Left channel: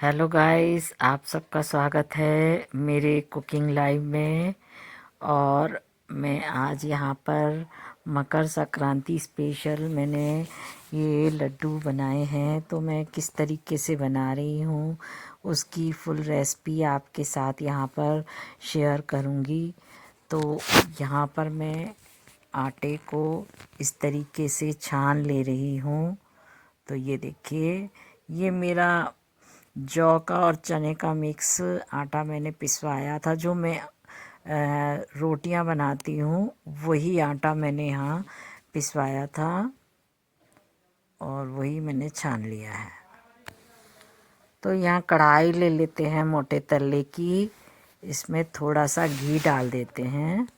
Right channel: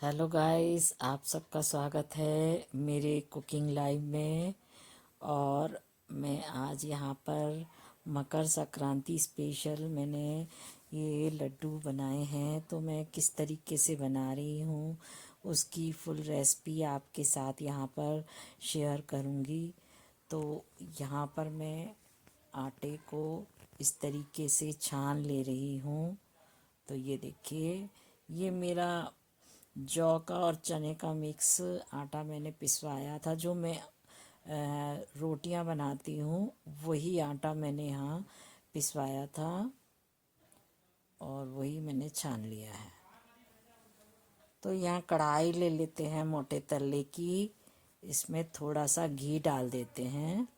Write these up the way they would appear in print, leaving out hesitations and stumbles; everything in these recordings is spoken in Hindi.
हेलो गाइस, आप सबका स्वागत है मेरे कुकिंग लाइव में। और मैं आज यहाँ पर मकर संक्रांति स्पेशल मैंने ये लड्डू बनाए हैं, तो मैं किस तरीके से बना रही हूँ उसकी फुल रेसिपी आपके साथ यहाँ पर शेयर करूँगी। तो यहाँ पर मैं आटे को इस तरीके से छान ले रही हूँ। तो ये देखिए, ये मेरा जौ का और चने का मिक्स आटा मैंने पिसवाया था। जो मैं रोटियां बनाती हूँ वही आटा मैंने यहाँ पिसवाया था और वही मैंने छान लिया है। तो यहाँ कढ़ाई ले लेते हैं मोटे तले की, इसमें थोड़ा सा घी डाल देते हैं।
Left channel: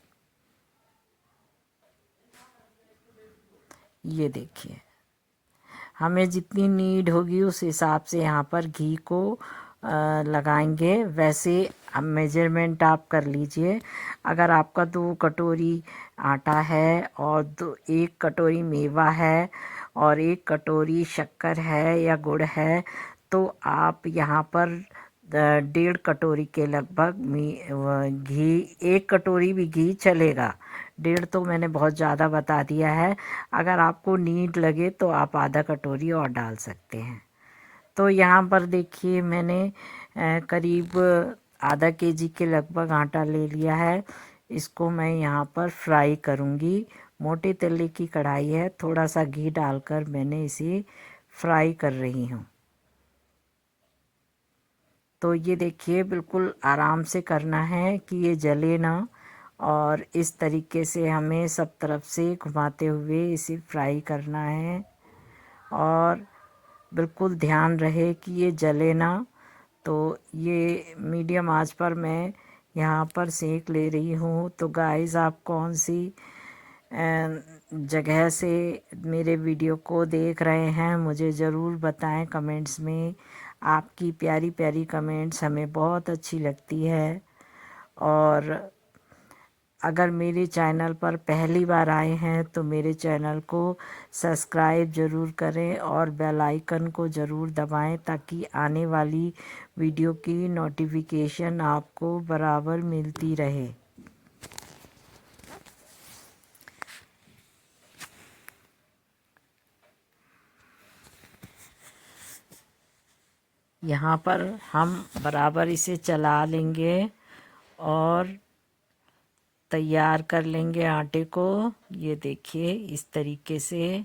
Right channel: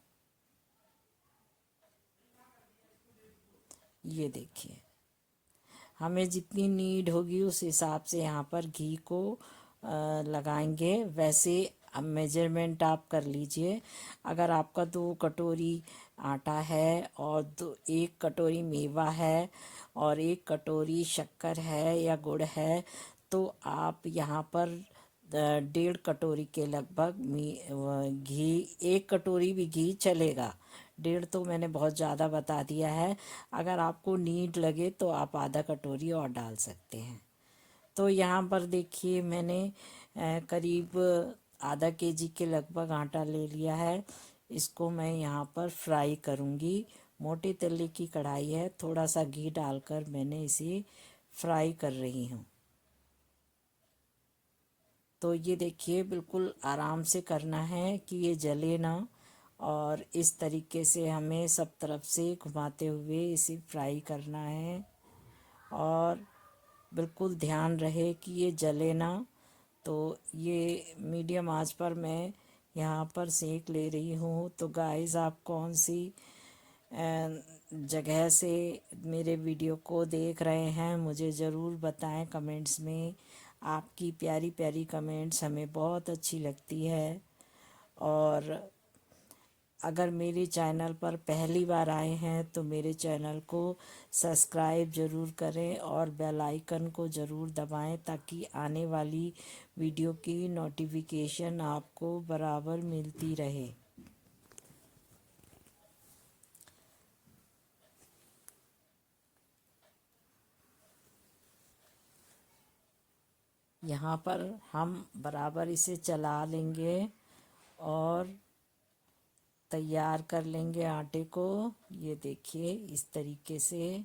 ये देखिए, हमें जितनी नीड होगी उस हिसाब से यहाँ पर घी को लगाएंगे। वैसे अब मेजरमेंट आप कर लीजिए। अगर आपका 2 कटोरी आटा है और 1 कटोरी मेवा है और 1 कटोरी शक्कर है या गुड़ है, तो आप यहाँ पर 1.5 कटोरी के लगभग घी, 1 कटोरी भी घी चलेगा। 1.5 तो मैंने बहुत ज़्यादा बता दिया है। अगर आपको नीड लगे तो आप आधा कटोरी और डाल सकते हैं। तो यहाँ पर देखिए, मैंने करीब आधा केजी के लगभग आटा ले लिया है। इसको मैं यहाँ पर फ्राई करूँगी। मोटे तले की कढ़ाई है, थोड़ा सा घी डालकर मैंने इसे फ्राई कर रही हूँ। तो ये देखिए, बिल्कुल आराम से करना है कि ये जले ना, और इस तरीके से हमें सब तरफ से घुमाते हुए इसे फ्राई करना है। और बिल्कुल ध्यान रहे कि ये जले ना। तो ये मीडियम आंच पर मैं यहाँ पर सेक ले रही हूँ। तो गाइस, आप कौन सी जगह से मेरे वीडियो को देख रहे हैं मुझे ज़रूर बताएं कमेंट्स में। आपकी प्यारी प्यारी कमेंट्स हमें बहुत अच्छी लगती है। और अगर मेरे चैनल पर पहली बार आए हैं तो मेरे चैनल को सब्सक्राइब ज़रूर करें और बेल आइकन को ज़रूर दबाएं, ताकि आने वाली वीडियो की नोटिफिकेशन आपको बराबर मिलती रहे। यहाँ पर हम बराबर इसे चला लेंगे और तैयार कर लेंगे आटे को। ये देखिए, इस तरीके से।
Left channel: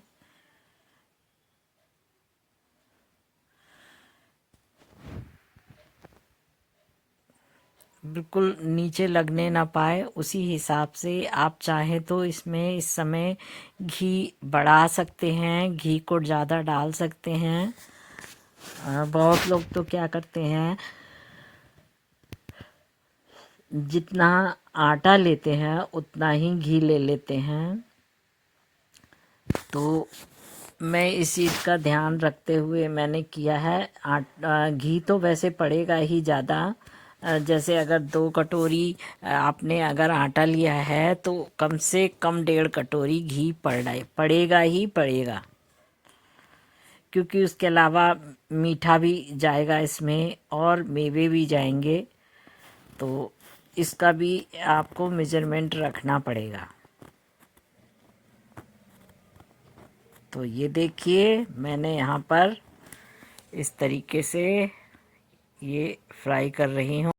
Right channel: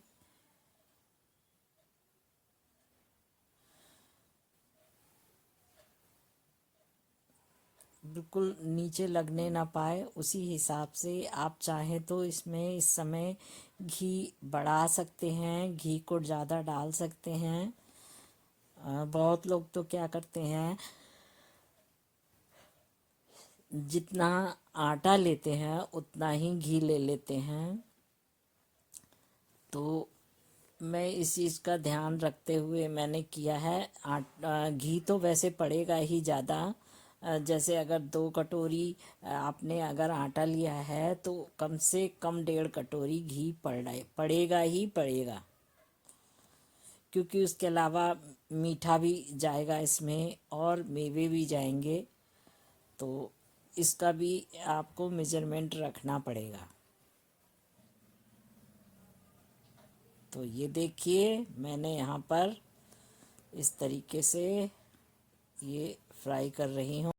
बिल्कुल नीचे लगने ना पाए, उसी हिसाब से आप चाहें तो इसमें इस समय घी बढ़ा सकते हैं, घी को ज़्यादा डाल सकते हैं। बहुत लोग तो क्या करते हैं, जितना आटा लेते हैं उतना ही घी ले लेते हैं। तो मैं इस चीज़ का ध्यान रखते हुए मैंने किया है। घी तो वैसे पड़ेगा ही ज़्यादा। जैसे अगर 2 कटोरी आपने अगर आटा लिया है तो कम से कम 1.5 कटोरी घी पड़ेगा ही पड़ेगा, क्योंकि उसके अलावा मीठा भी जाएगा इसमें और मेवे भी जाएंगे। तो इसका भी आपको मेजरमेंट रखना पड़ेगा। तो ये देखिए, मैंने यहाँ पर इस तरीके से ये फ्राई कर रही हूँ।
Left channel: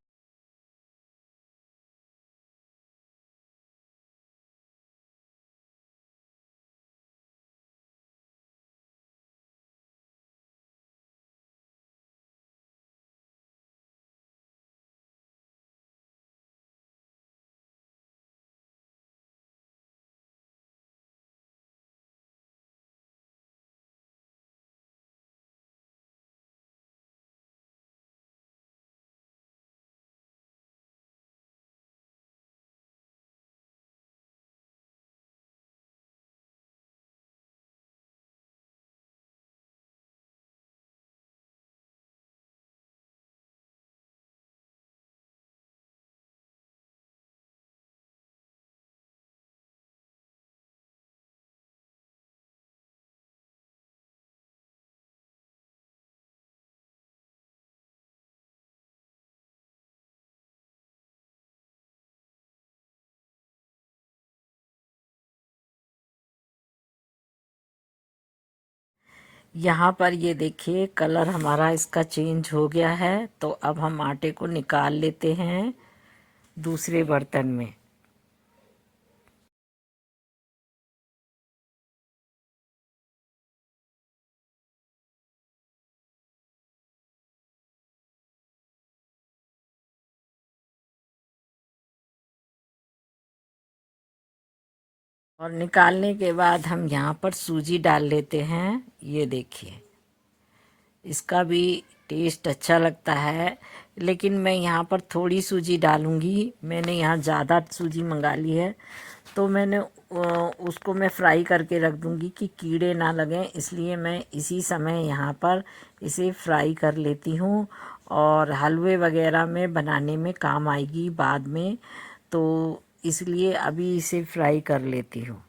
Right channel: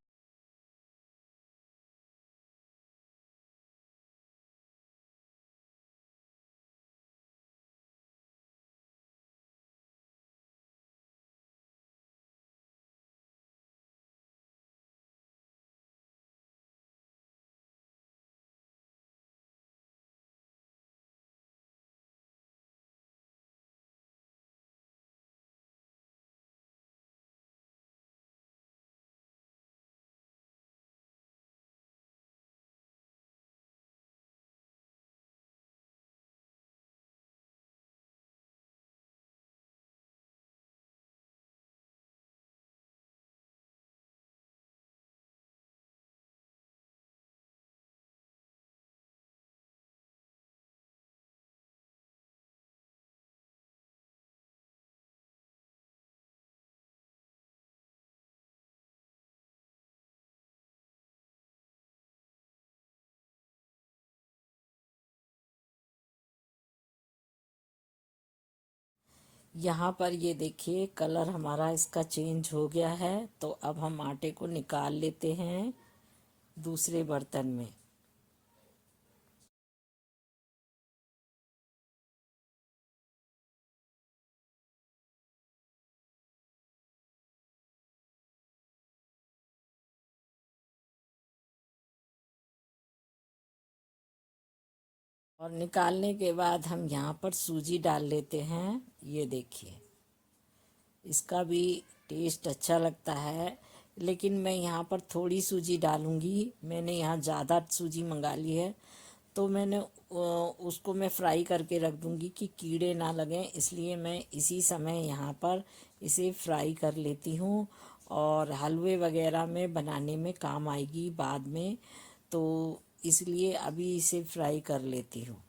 यहाँ पर ये देखिए कलर हमारा इसका चेंज हो गया है। तो अब हम आटे को निकाल लेते हैं दूसरे बर्तन में। और निकालने के बाद हम यहाँ पर सूजी डाल लेते हैं। ये देखिए इसका भी टेस्ट अच्छा लगता है, लेकिन मैं यहाँ पर थोड़ी सूजी डालूँगी। मैंने यहाँ ज़्यादा सूजी मंगा ली है, तो मैंने उसको मैं फ्राई करके रख दूँगी कि कीड़े ना लगें, इसलिए मैं इसी समय यहाँ पर इसे फ्राई कर लेती हूँ। और हलवे वगैरह में बनाने में काम आएगी बाद में, तो इसलिए अभी इसे फ्राई कर लेती हूँ।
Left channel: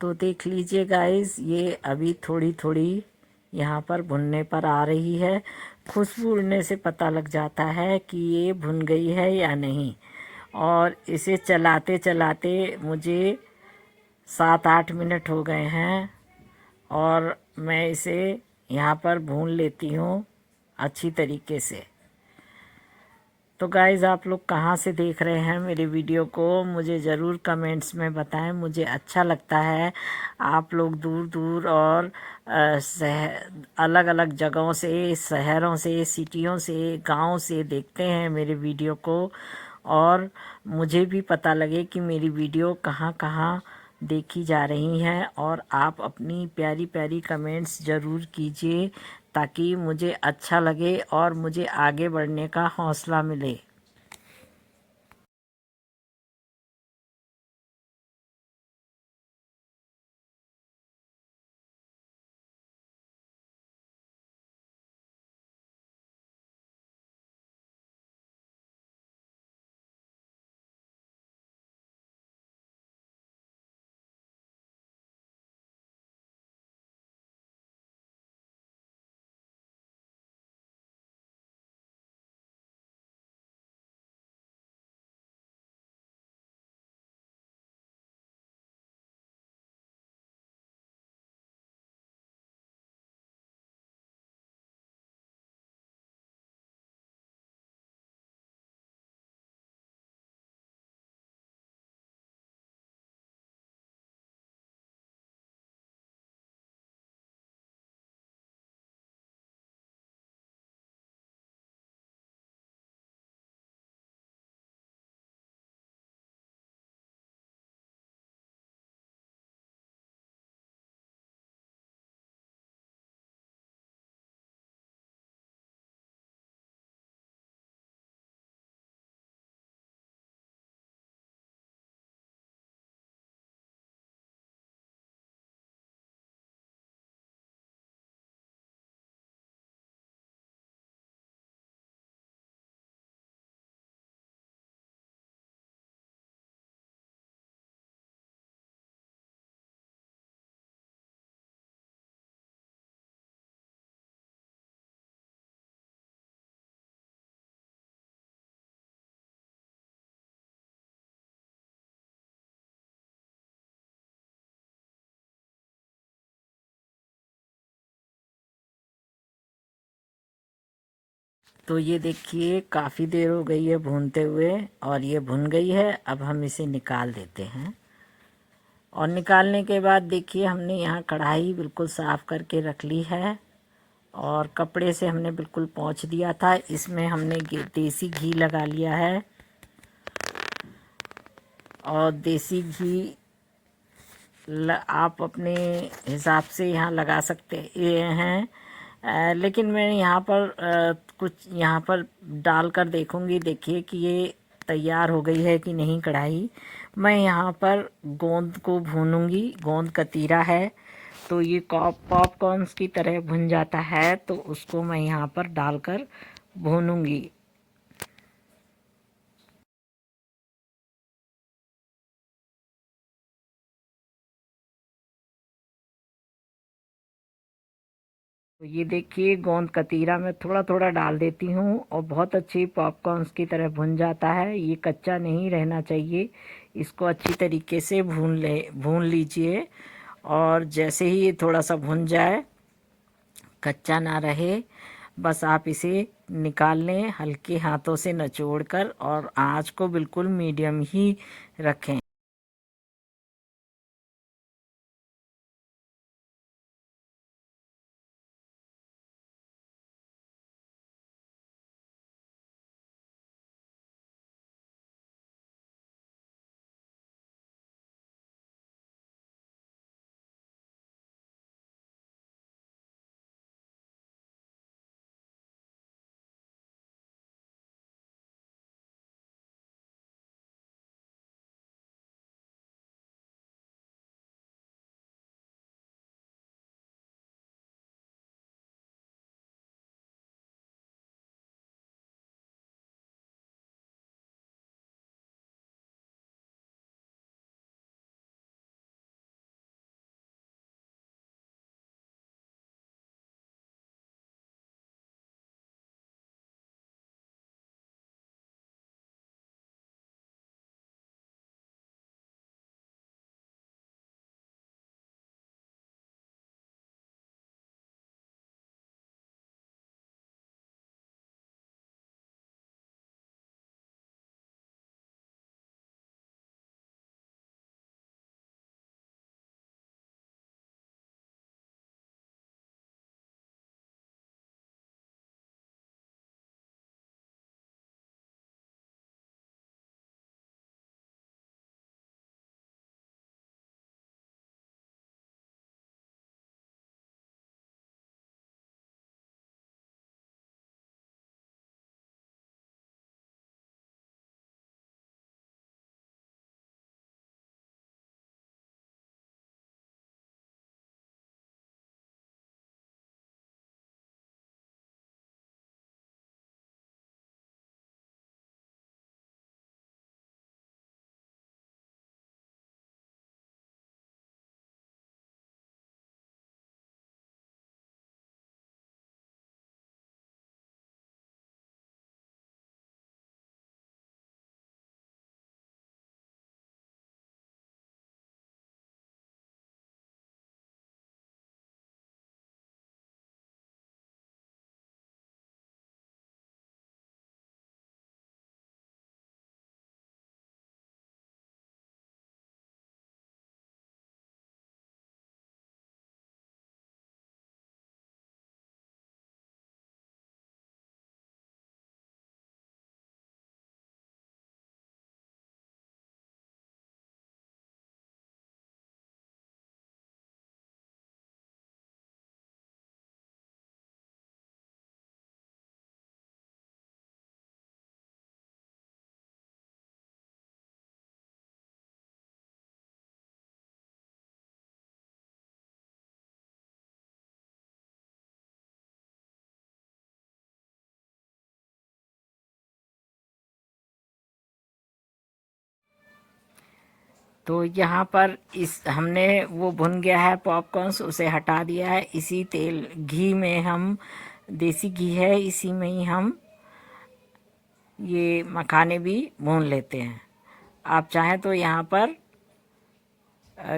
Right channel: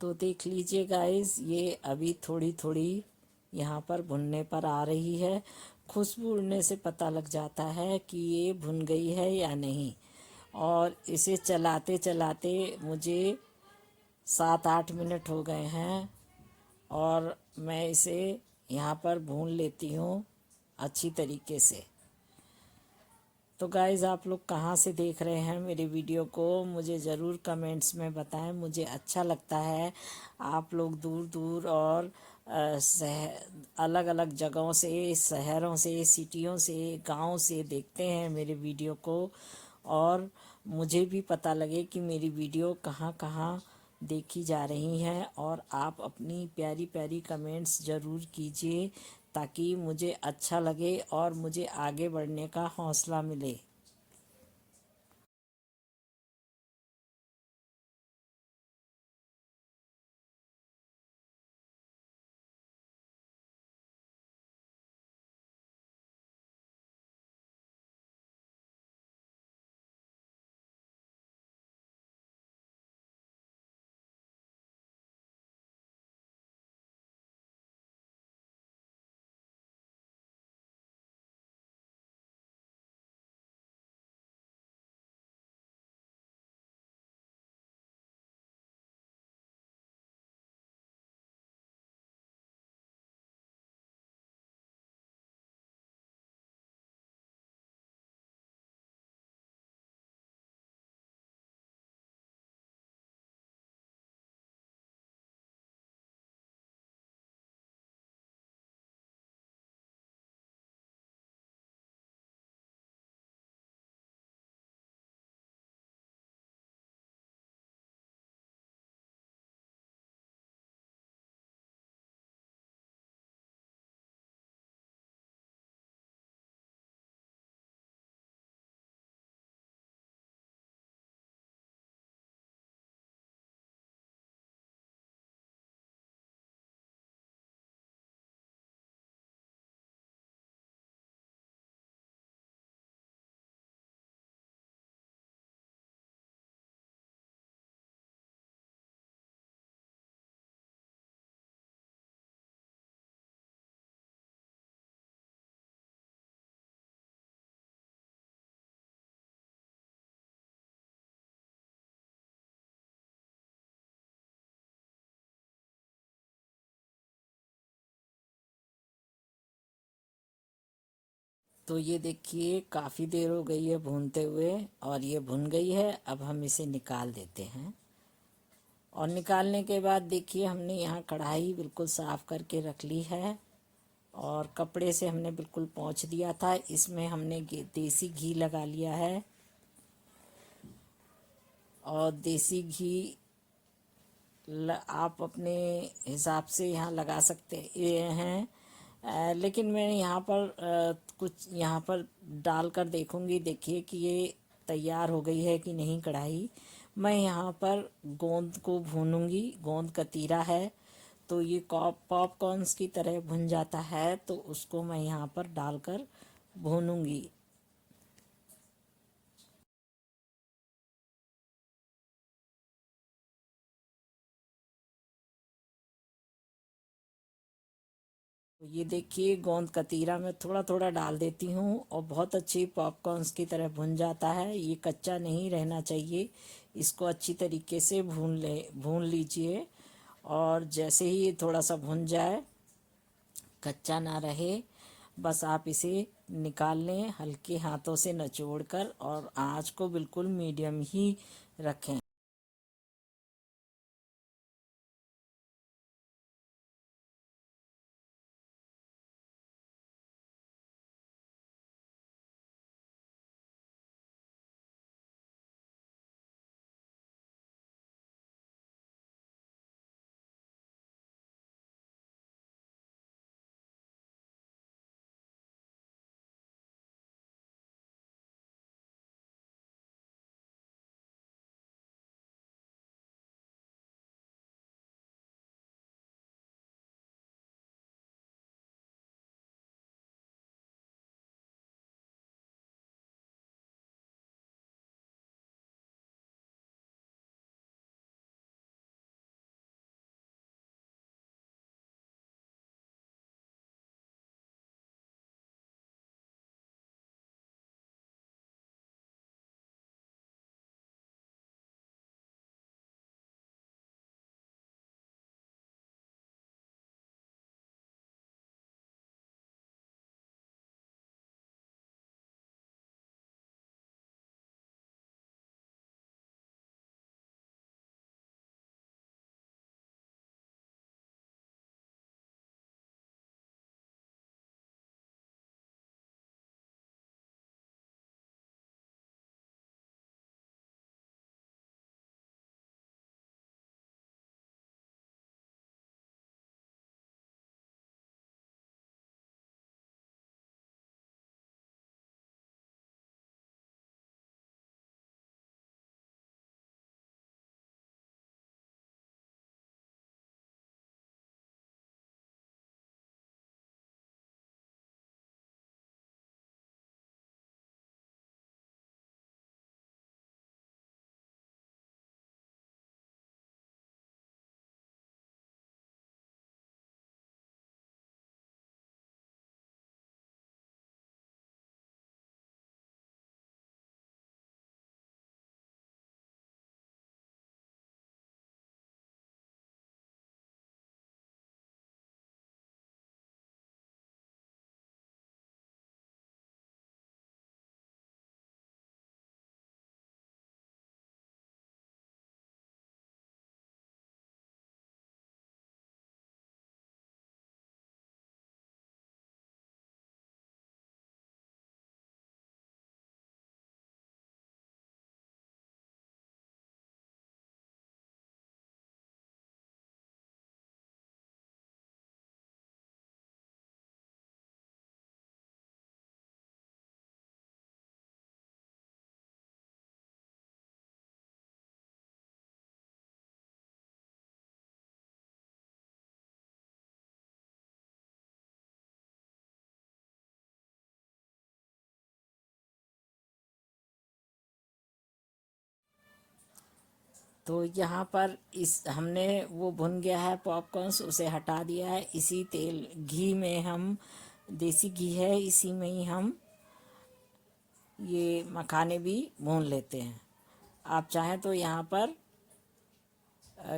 तो देख लीजिए गाइस, ये अभी थोड़ी थोड़ी यहाँ पर भुनने पर आ रही है। खुशबू उड़ने से पता लग जाता है कि ये भुन गई है या नहीं। और इसे चलाते चलाते मुझे 7-8 मिनट हो गए हैं, और मैं इसे यहाँ पर भून लेती हूँ अच्छी तरीके से। तो गाइज़, आप लोग कहाँ से देख रहे हैं मेरे वीडियो को, मुझे ज़रूर कमेंट्स में बताएं। मुझे अच्छा लगता है आप लोग दूर दूर और अलग अलग जगहों से, शहरों से, सिटियों से, गांव से देखते हैं मेरे वीडियो को। और मुझे भी पता लगे कि मेरी वीडियो कहाँ कहाँ देखी जा रही हैं। और आप अपनी प्यारी प्यारी कमेंट्स ज़रूर कीजिए, ताकि मुझे अच्छा लगे और मुझे आगे बढ़ने का हौसला मिले। तो ये देखिए काफ़ी देर हो गई है भूनते हुए और ये भुन गई है। अब हम इसे निकाल देते हैं। और निकालने के बाद देखिए हमने यहाँ कढ़ाई बिल्कुल साफ़ करके रख ली है और कपड़े से हमने बिल्कुल पोंछ दिया था। इसमें हमने देसी घी लगा लिया है और देसी घी आप अपने हिसाब से यहाँ लगा सकते हैं। लेकिन मैं यहाँ पर कुछ यहाँ पर डाल कर देखूँगी। देखिए कि ये तैयार हो गई है कि नहीं कढ़ाई। मैं यहाँ पर गोंद को भूनूंगी। गोंद कतीरा है तो ये पॉपकॉर्न्स की तरह भुन जाता है, तो उसको मैं यहाँ पर डालकर भूनूंगी। तो ये देखिए गोंद कतीरा मैं थोड़ा थोड़ा डाल देती हूँ और बहुत अच्छी पॉपकॉर्न्स की तरह भुन जाता है। ये कच्चा नहीं रहना चाहिए। इसको अच्छी तरीके से भून लीजिए। और जैसे ही ये थोड़ा सा भुन जाए, कच्चा ना रहे, बस आप इसे निकाल लें हल्के हाथों से निचोड़ कर और आँच को बिल्कुल मीडियम ही रखें। तो यहाँ पर इस हमने वो भुन गया है पॉपकॉर्न्स, उसे हटा दिया है। इसी तेल घी में हम, देसी घी है, इसी में ही हम ये मखाने भी भून लेते हैं। आप चाहें तो यहाँ पर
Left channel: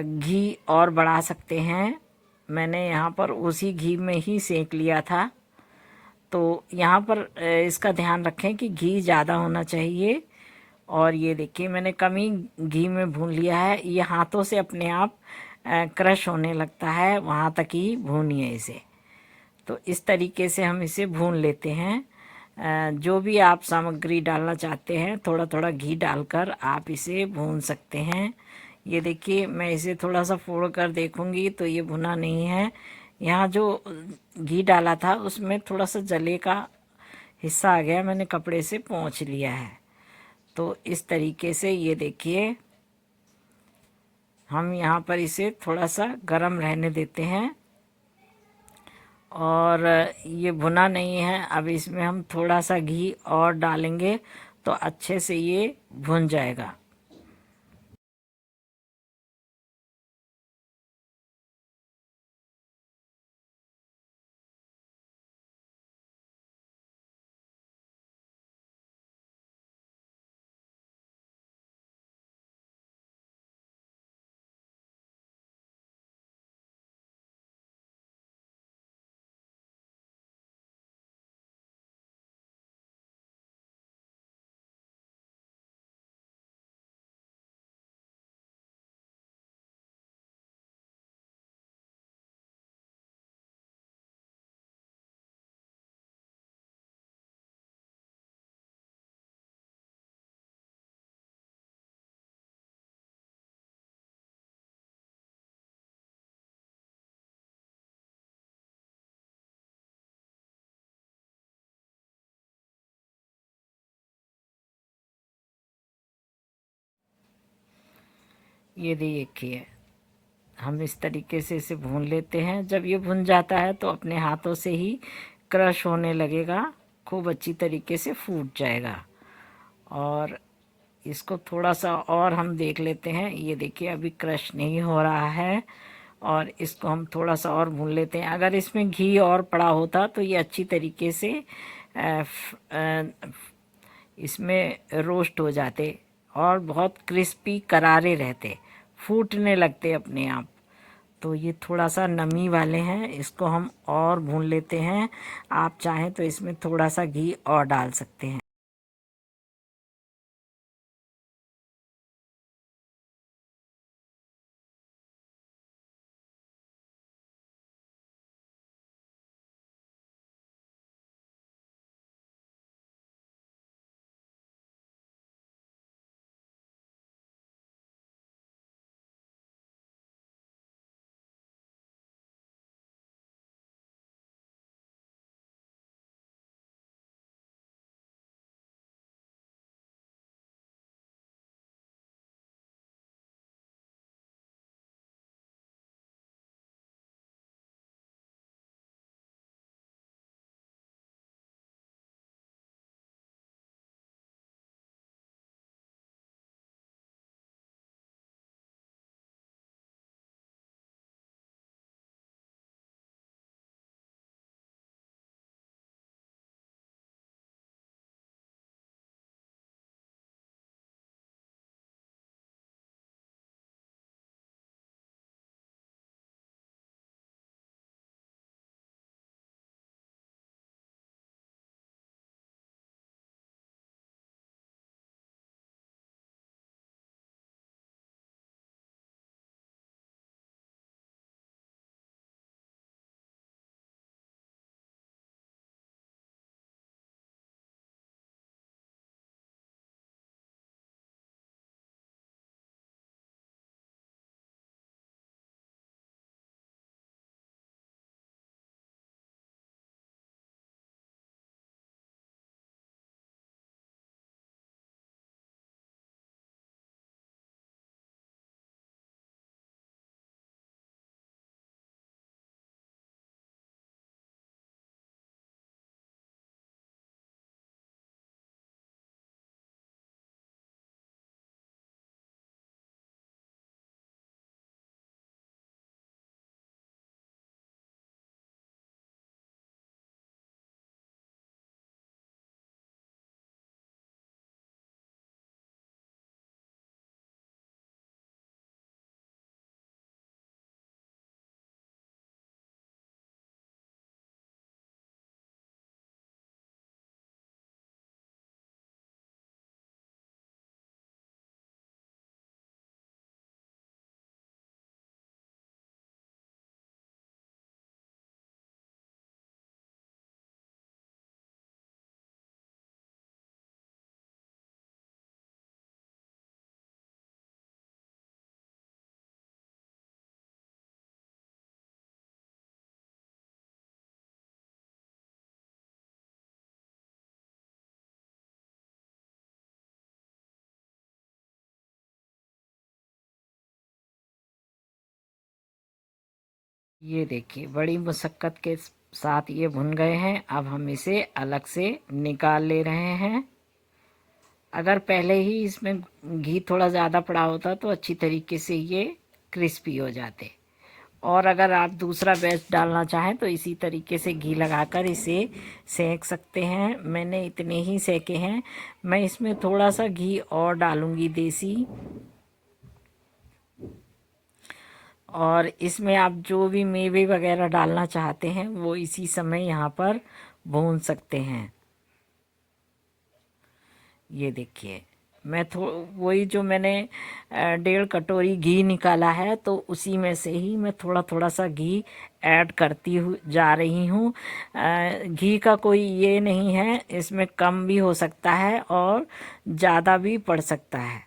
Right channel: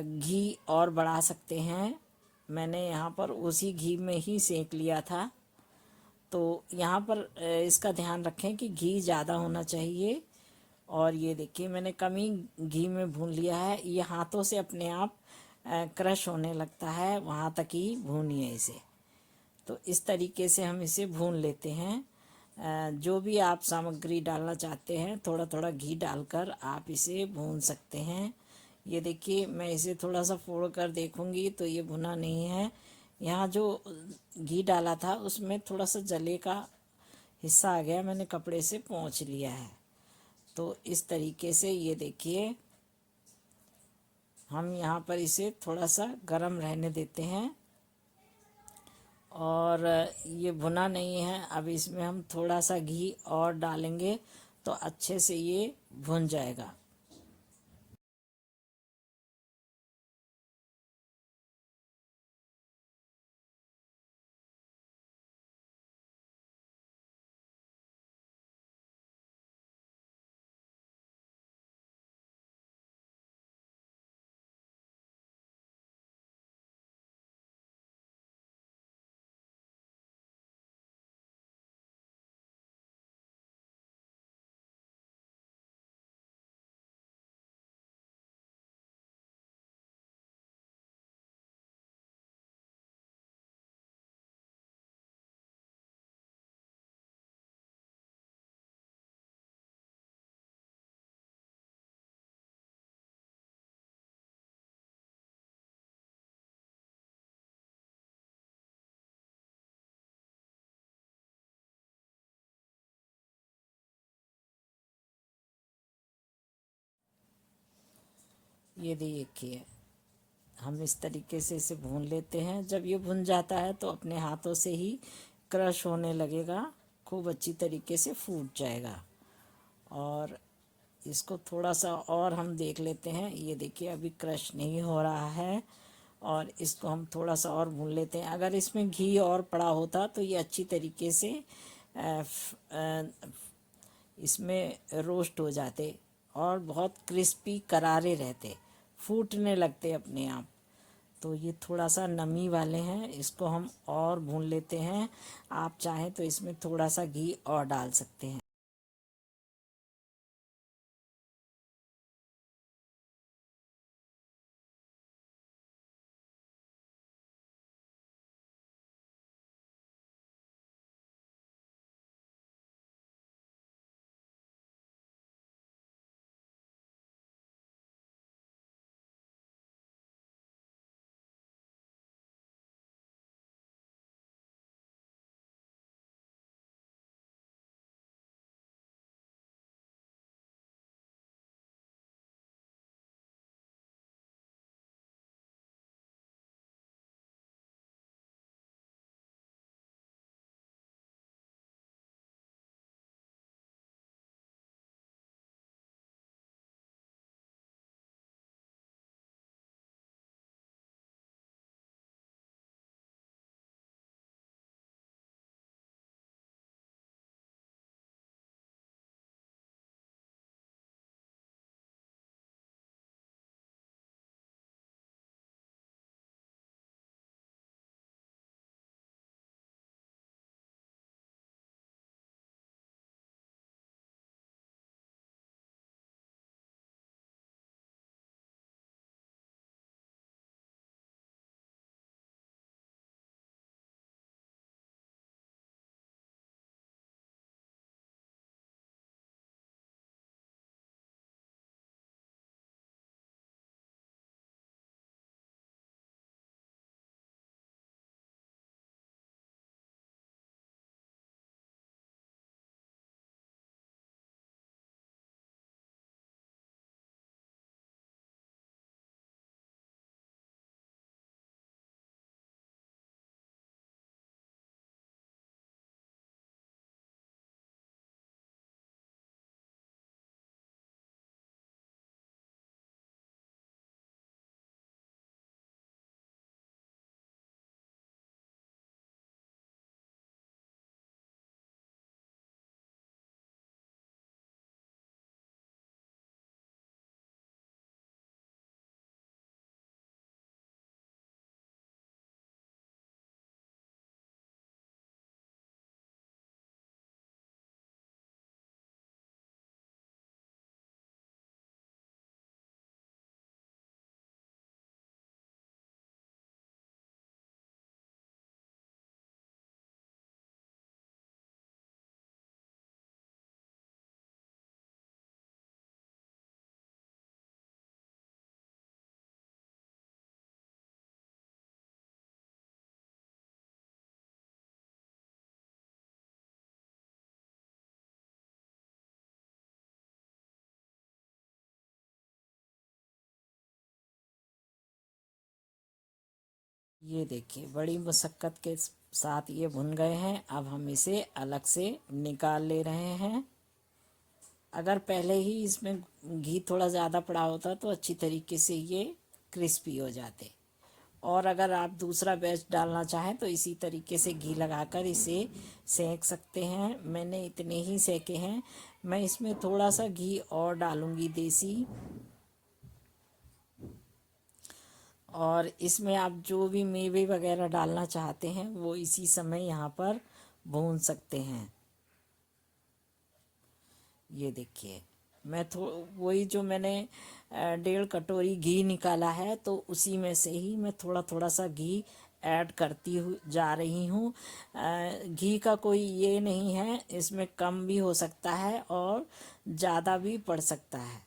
घी और बढ़ा सकते हैं। मैंने यहाँ पर उसी घी में ही सेक लिया था। तो यहाँ पर इसका ध्यान रखें कि घी ज़्यादा होना चाहिए। और ये देखिए मैंने कम ही घी में भून लिया है। ये हाथों से अपने आप क्रश होने लगता है, वहाँ तक ही भूनिए इसे। तो इस तरीके से हम इसे भून लेते हैं। जो भी आप सामग्री डालना चाहते हैं थोड़ा थोड़ा घी डालकर आप इसे भून सकते हैं। ये देखिए मैं इसे थोड़ा सा फोड़ कर देखूंगी तो ये भुना नहीं है। यहाँ जो घी डाला था उसमें थोड़ा सा जले का हिस्सा आ गया, मैंने कपड़े से पोंछ लिया है। तो इस तरीके से ये देखिए हम यहाँ पर इसे थोड़ा सा गरम रहने देते हैं। और ये भुना नहीं है, अब इसमें हम थोड़ा सा घी और डालेंगे तो अच्छे से ये भुन जाएगा। ये देखिए हम इस तरीके से इसे भून लेते हैं। जब ये भुन जाता है तो अपने हाथों से ही क्रश होने लगेगा, खूब अच्छी तरीके से फूट जाएगा। और इसको थोड़ा सा और हम देख लेते हैं। ये देखिए अभी क्रश नहीं हो रहा है और इसको हम थोड़ा सा और भून लेते हैं। अगर इसमें घी और पड़ा होता तो ये अच्छी तरीके से इसमें रोस्ट हो जाते और बहुत क्रिस्पी करारे रहते, फूटने लगते अपने आप। तो ये थोड़ा सा नमी वाले हैं, इसको हम और भून लेते हैं। आप चाहें तो इसमें थोड़ा सा घी और डाल सकते हैं। ये देखिए बड़ी मुशक्क़त के साथ ये भुन गए हैं। अब हम इसे अलग से निकाल ले रहे हैं। अगर पहले ही इसमें घी थोड़ा ज़्यादा पड़ा होता तो अच्छी तरीके से ये क्रिस्पी हो जाते। और अगर आप दूसरा बैच डालना चाहें तो इसी तरीके से घी लगाकर इसे सेंक सकते हैं। मैंने इतने ही सेके हैं। मैं इसमें थोड़ा सा घी और डालूंगी देसी। और इसमें आप जो भी मेवे वगैरह डालना चाहते हैं वो इसी समय यहाँ पर भून सकते हैं। ये देखिए मैं वही जो मैंने 1.5 कटोरी घी निकाला है तो उसी में से ही मैं थोड़ा थोड़ा सा घी ऐड करती हूँ जा रही हूँ। घी का कोई ये नहीं है, इसमें कम भी हो सकता है और ज़्यादा भी पड़ सकता है।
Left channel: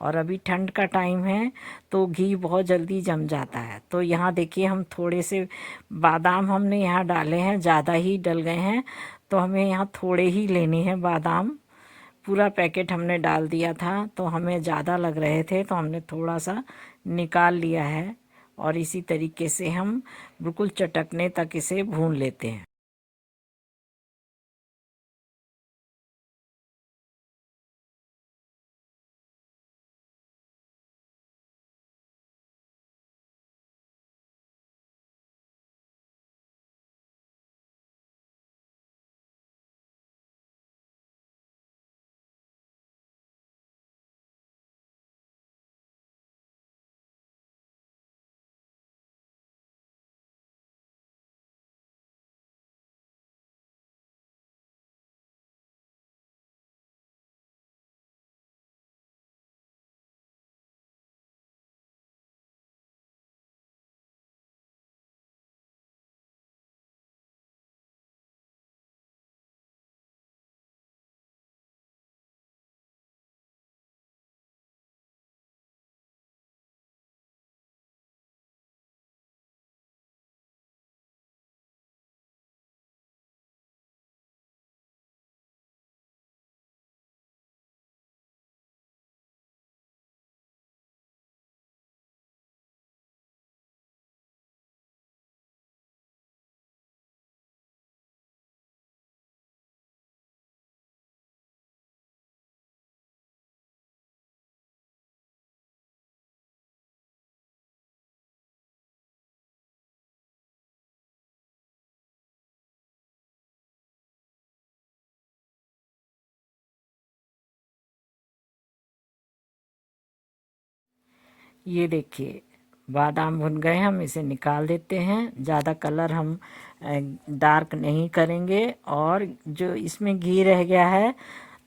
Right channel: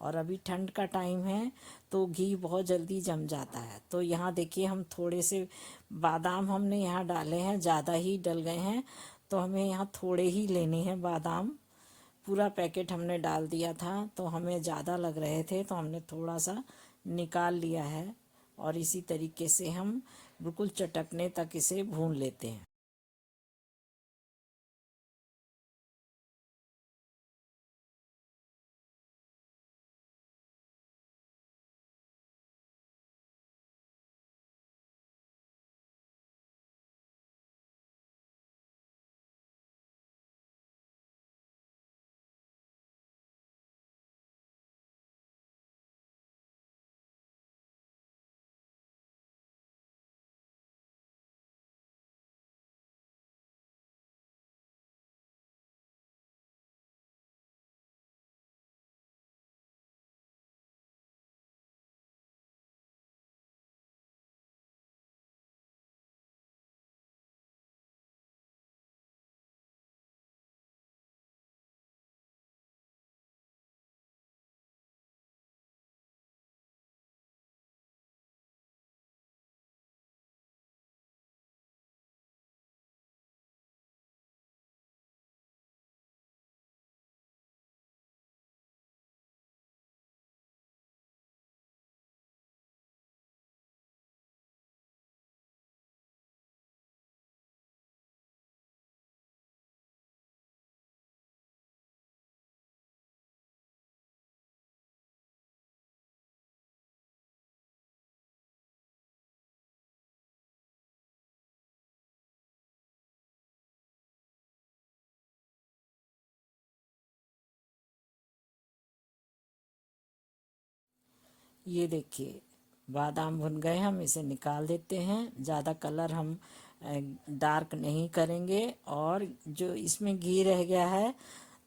और अभी ठंड का टाइम है तो घी बहुत जल्दी जम जाता है। तो यहाँ देखिए हम थोड़े से बादाम हमने यहाँ डाले हैं, ज़्यादा ही डल गए हैं तो हमें यहाँ थोड़े ही लेने हैं बादाम। पूरा पैकेट हमने डाल दिया था तो हमें ज़्यादा लग रहे थे तो हमने थोड़ा सा निकाल लिया है। और इसी तरीके से हम बिल्कुल चटकने तक इसे भून लेते हैं। ये देखिए बादाम भुन गए, हम इसे निकाल देते हैं। ज़्यादा कलर हम डार्क नहीं करेंगे। और जो इसमें घी रह गया है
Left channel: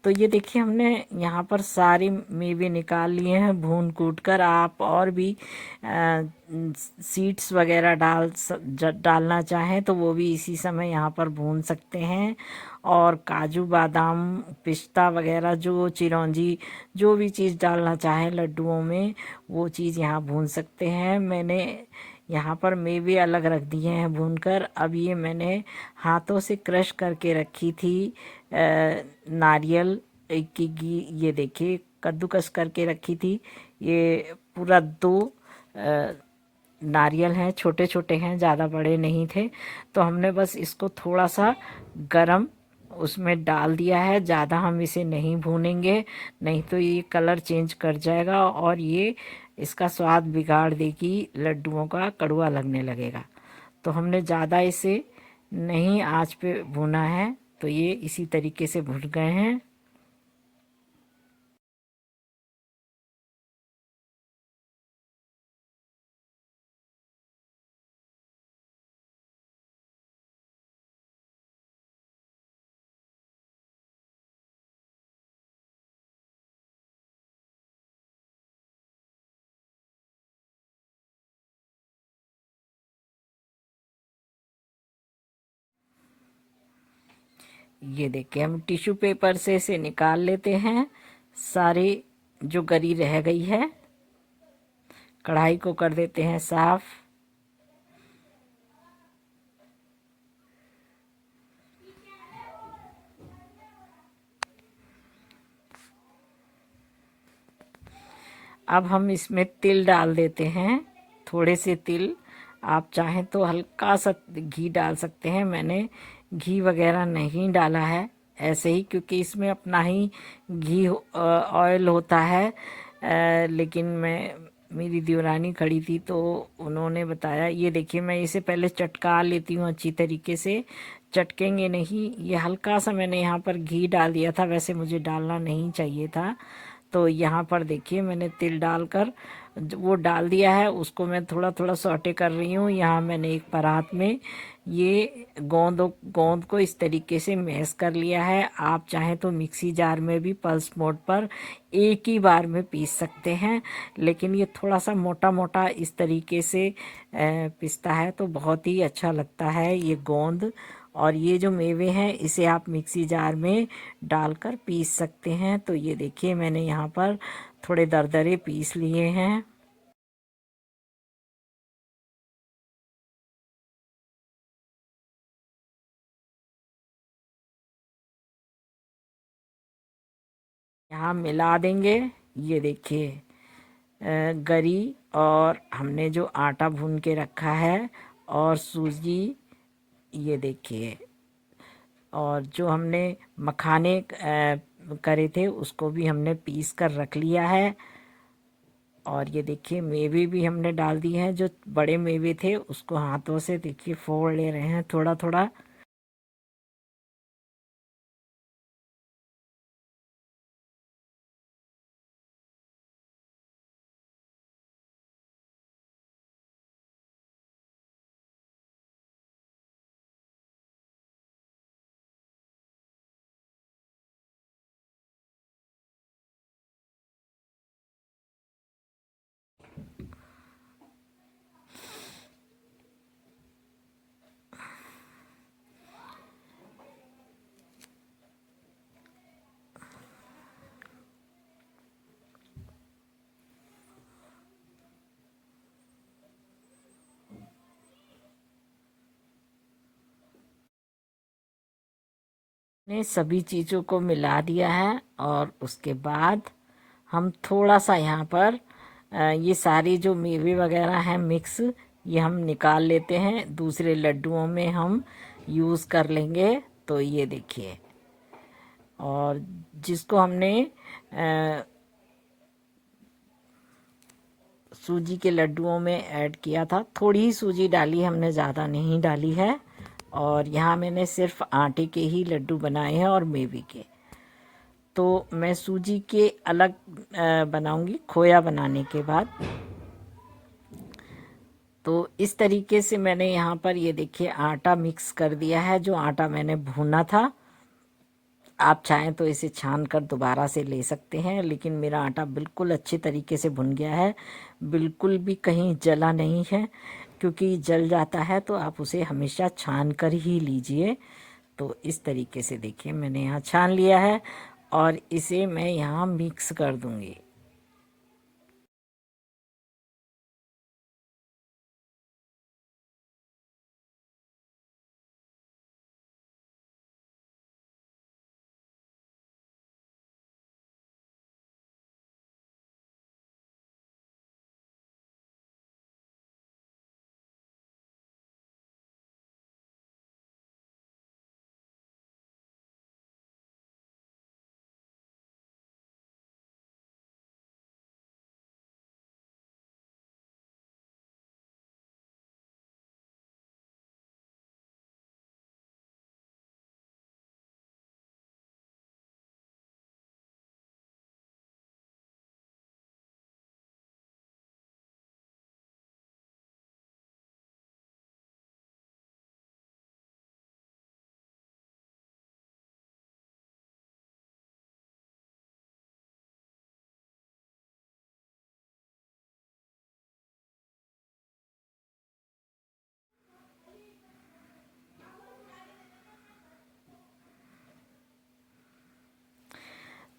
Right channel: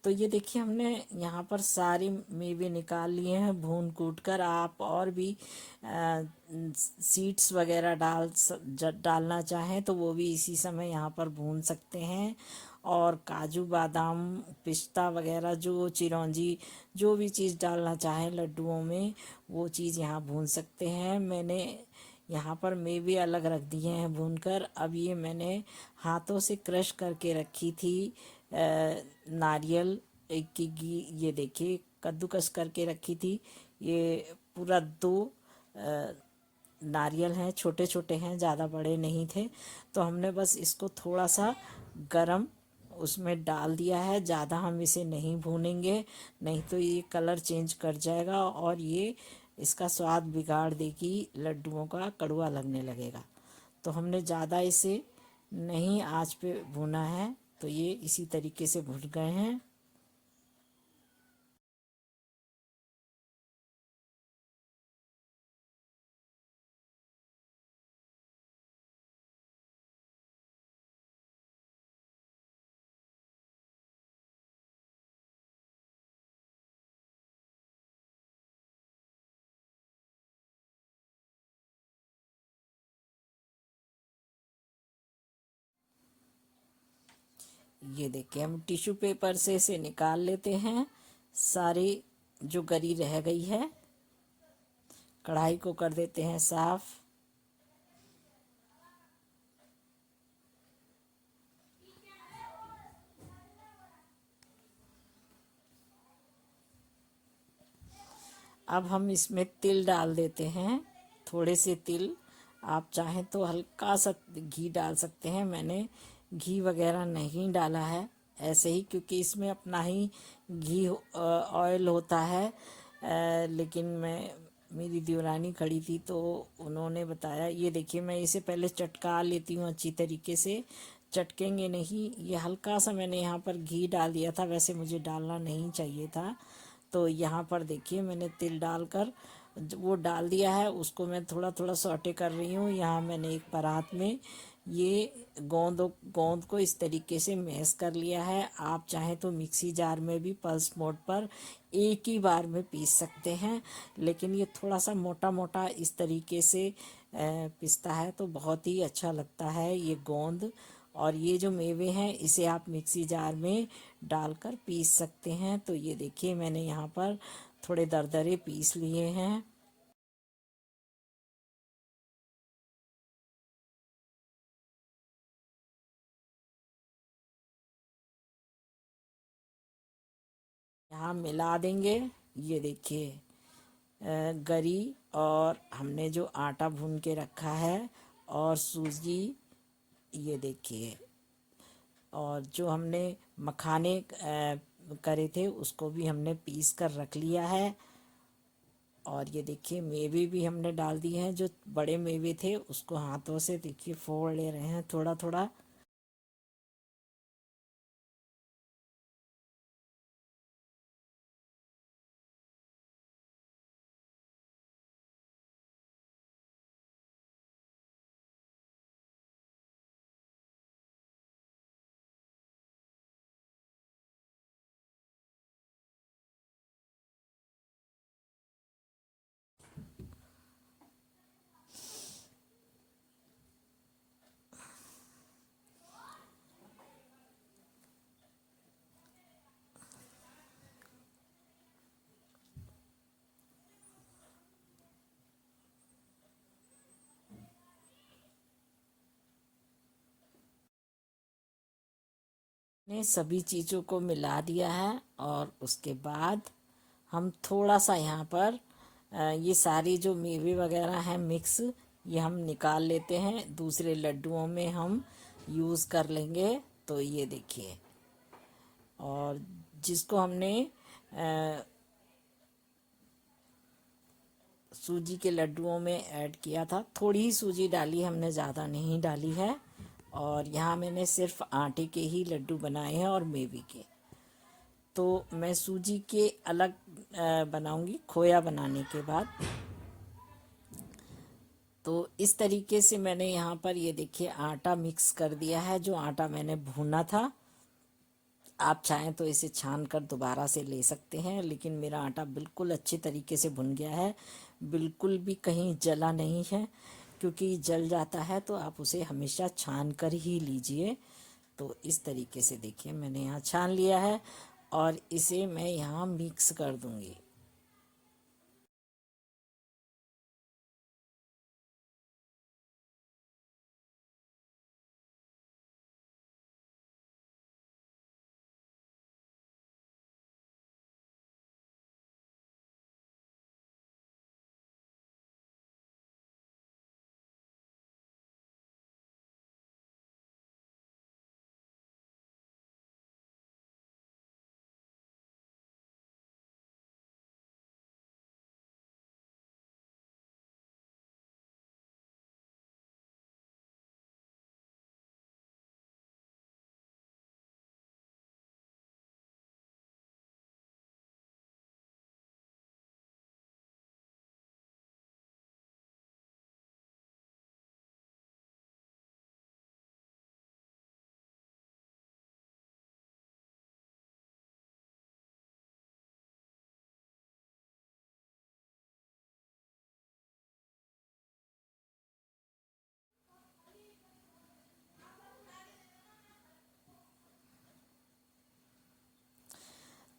तो ये देखिए हमने यहाँ पर सारे मेवे निकाल लिए हैं भून कूट कर। आप और भी सीड्स वगैरह डालना चाहें तो वो भी इसी समय यहाँ पर भून सकते हैं। और काजू बादाम पिस्ता वगैरह जो चिरौंजी जो भी चीज़ डालना चाहें लड्डुओं में वो चीज़ यहाँ भून सकते हैं। मैंने यहाँ पर मेवे अलग रख दिए हैं भूनकर। अब ये मैंने हाथों से क्रश करके रखी थी नारियल की ये देखिए कद्दूकस करके रखी थी। ये पूरा 2 नारियल हैं, छोटे छोटे हैं, ज़्यादा बड़े नहीं थे। तो हमने बस इसको थोड़ा सा गरम उसमें डाल दिया है। ज़्यादा हम इसे नहीं भूनेंगे, नहीं तो ये कलर चेंज कर जाएगा और ये इसका स्वाद बिगाड़ देगी, लड्डुओं का कड़वा लगने लगेगा। तो हमने ज़्यादा इसे नहीं आंच पे भुना है। तो ये इसी तरीके से भुन गए हैं। ये देखिए हम टिश्यू पेपर से इसे निकाल लेते हैं सारी जो गरी रह गई है। कढ़ाई को कर देते हैं साफ। अब हम इसमें तिल डाल देते हैं, थोड़े से तिल। आप चाहें तो हल्का सा घी डाल सकते हैं। मैंने घी वगैरह नहीं डाला है ऐसे ही, क्योंकि इसमें अपना ही घी ऑयल होता है। लेकिन मेरी देवरानी खड़ी थी तो उन्होंने बताया। ये देखिए, मैं इसे पहले चटका लेती हूँ अच्छी तरीके से। चटकेंगे नहीं, ये हल्का सा मैंने यहाँ पर घी डाल दिया था, वैसे मुझे डालना नहीं चाहिए था। तो यहाँ पर देखिए, मैंने तिल डालकर वो डाल दिया है। उसको मैं थोड़ा थोड़ा सौटे कर रही हूँ। यहाँ मैंने एक परात में ये गोंद को इस तरीके से मैश कर लिया है। आप चाहें तो मिक्सी जार में भी पल्स मोड पर एक ही बार में पीस सकते हैं, लेकिन ये थोड़ा सा मोटा मोटा इस तरीके से पिसता है तो बहुत ही अच्छा लगता है ये गोंद। और ये जो मेवे हैं इसे आप मिक्सी जार में डालकर पीस सकते हैं। तो ये देखिए, मैंने यहाँ पर थोड़े दरदरे पीस लिए हैं। यहाँ मिला देंगे। ये देखिए, गरी और हमने जो आटा भून के रखा है और सूजी, ये देखिए, और जो हमने मखाने करे थे उसको भी हमने पीस कर रख लिया है। और ये देखिए, मेवे भी हमने डाल दिए हैं। जो बड़े मेवे थे उसको हाथों से देखिए फोड़ ले रहे हैं थोड़ा थोड़ा। ने सभी चीज़ों को मिला दिया है और उसके बाद हम थोड़ा सा यहाँ पर ये सारी जो मेवे वगैरह हैं मिक्स, ये हम निकाल लेते हैं, दूसरे लड्डुओं में हम यूज़ कर लेंगे। तो ये देखिए, और जिसको हमने सूजी के लड्डुओं में ऐड किया था, थोड़ी ही सूजी डाली, हमने ज़्यादा नहीं डाली है। और यहाँ मैंने सिर्फ आटे के ही लड्डू बनाए हैं और मेवे के। तो मैं सूजी के अलग बनाऊंगी खोया बनाने के बाद। तो इस तरीके से मैंने यहाँ पर ये देखिए आटा मिक्स कर दिया है, जो आटा मैंने भूना था। आप चाहें तो इसे छान कर दोबारा से ले सकते हैं, लेकिन मेरा आटा बिल्कुल अच्छे तरीके से भुन गया है, बिल्कुल भी कहीं जला नहीं है। क्योंकि जल जाता है तो आप उसे हमेशा छान कर ही लीजिए। तो इस तरीके से देखिए, मैंने यहाँ छान लिया है और इसे मैं यहाँ मिक्स कर दूंगी।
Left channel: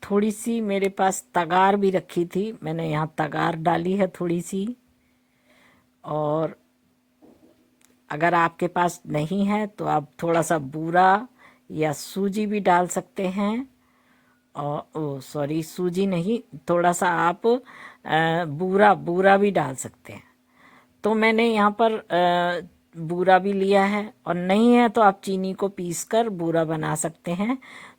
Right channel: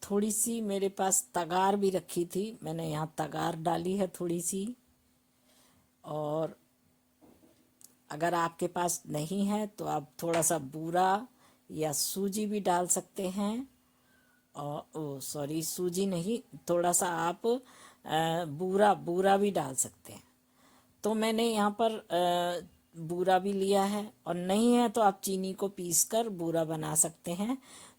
थोड़ी सी मेरे पास तगार भी रखी थी, मैंने यहाँ तगार डाली है थोड़ी सी। और अगर आपके पास नहीं है तो आप थोड़ा सा बूरा या सूजी भी डाल सकते हैं। और ओ सॉरी, सूजी नहीं, थोड़ा सा आप बूरा बूरा भी डाल सकते हैं। तो मैंने यहाँ पर बूरा भी लिया है, और नहीं है तो आप चीनी को पीस कर बूरा बना सकते हैं।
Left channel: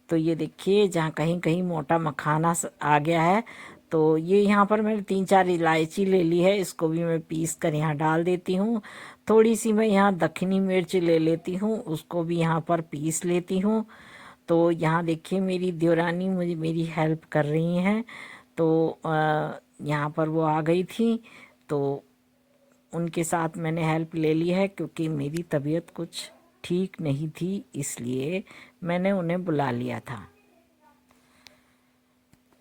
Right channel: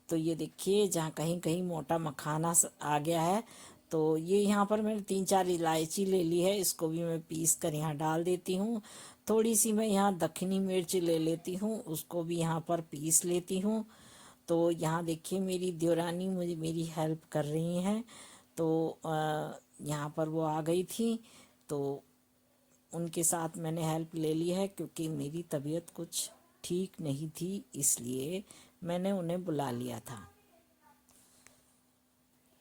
तो ये देखिए, जहाँ कहीं कहीं मोटा मखाना आ गया है, तो ये यहाँ पर मैंने 3-4 इलायची ले ली है, इसको भी मैं पीस कर यहाँ डाल देती हूँ। थोड़ी सी मैं यहाँ दक्षिणी मिर्च ले लेती हूँ, उसको भी यहाँ पर पीस लेती हूँ। तो यहाँ देखिए, मेरी देवरानी मुझे मेरी हेल्प कर रही हैं। तो यहाँ पर वो आ गई थी, तो उनके साथ मैंने हेल्प ले ली है, क्योंकि मेरी तबीयत कुछ ठीक नहीं थी, इसलिए मैंने उन्हें बुला लिया था।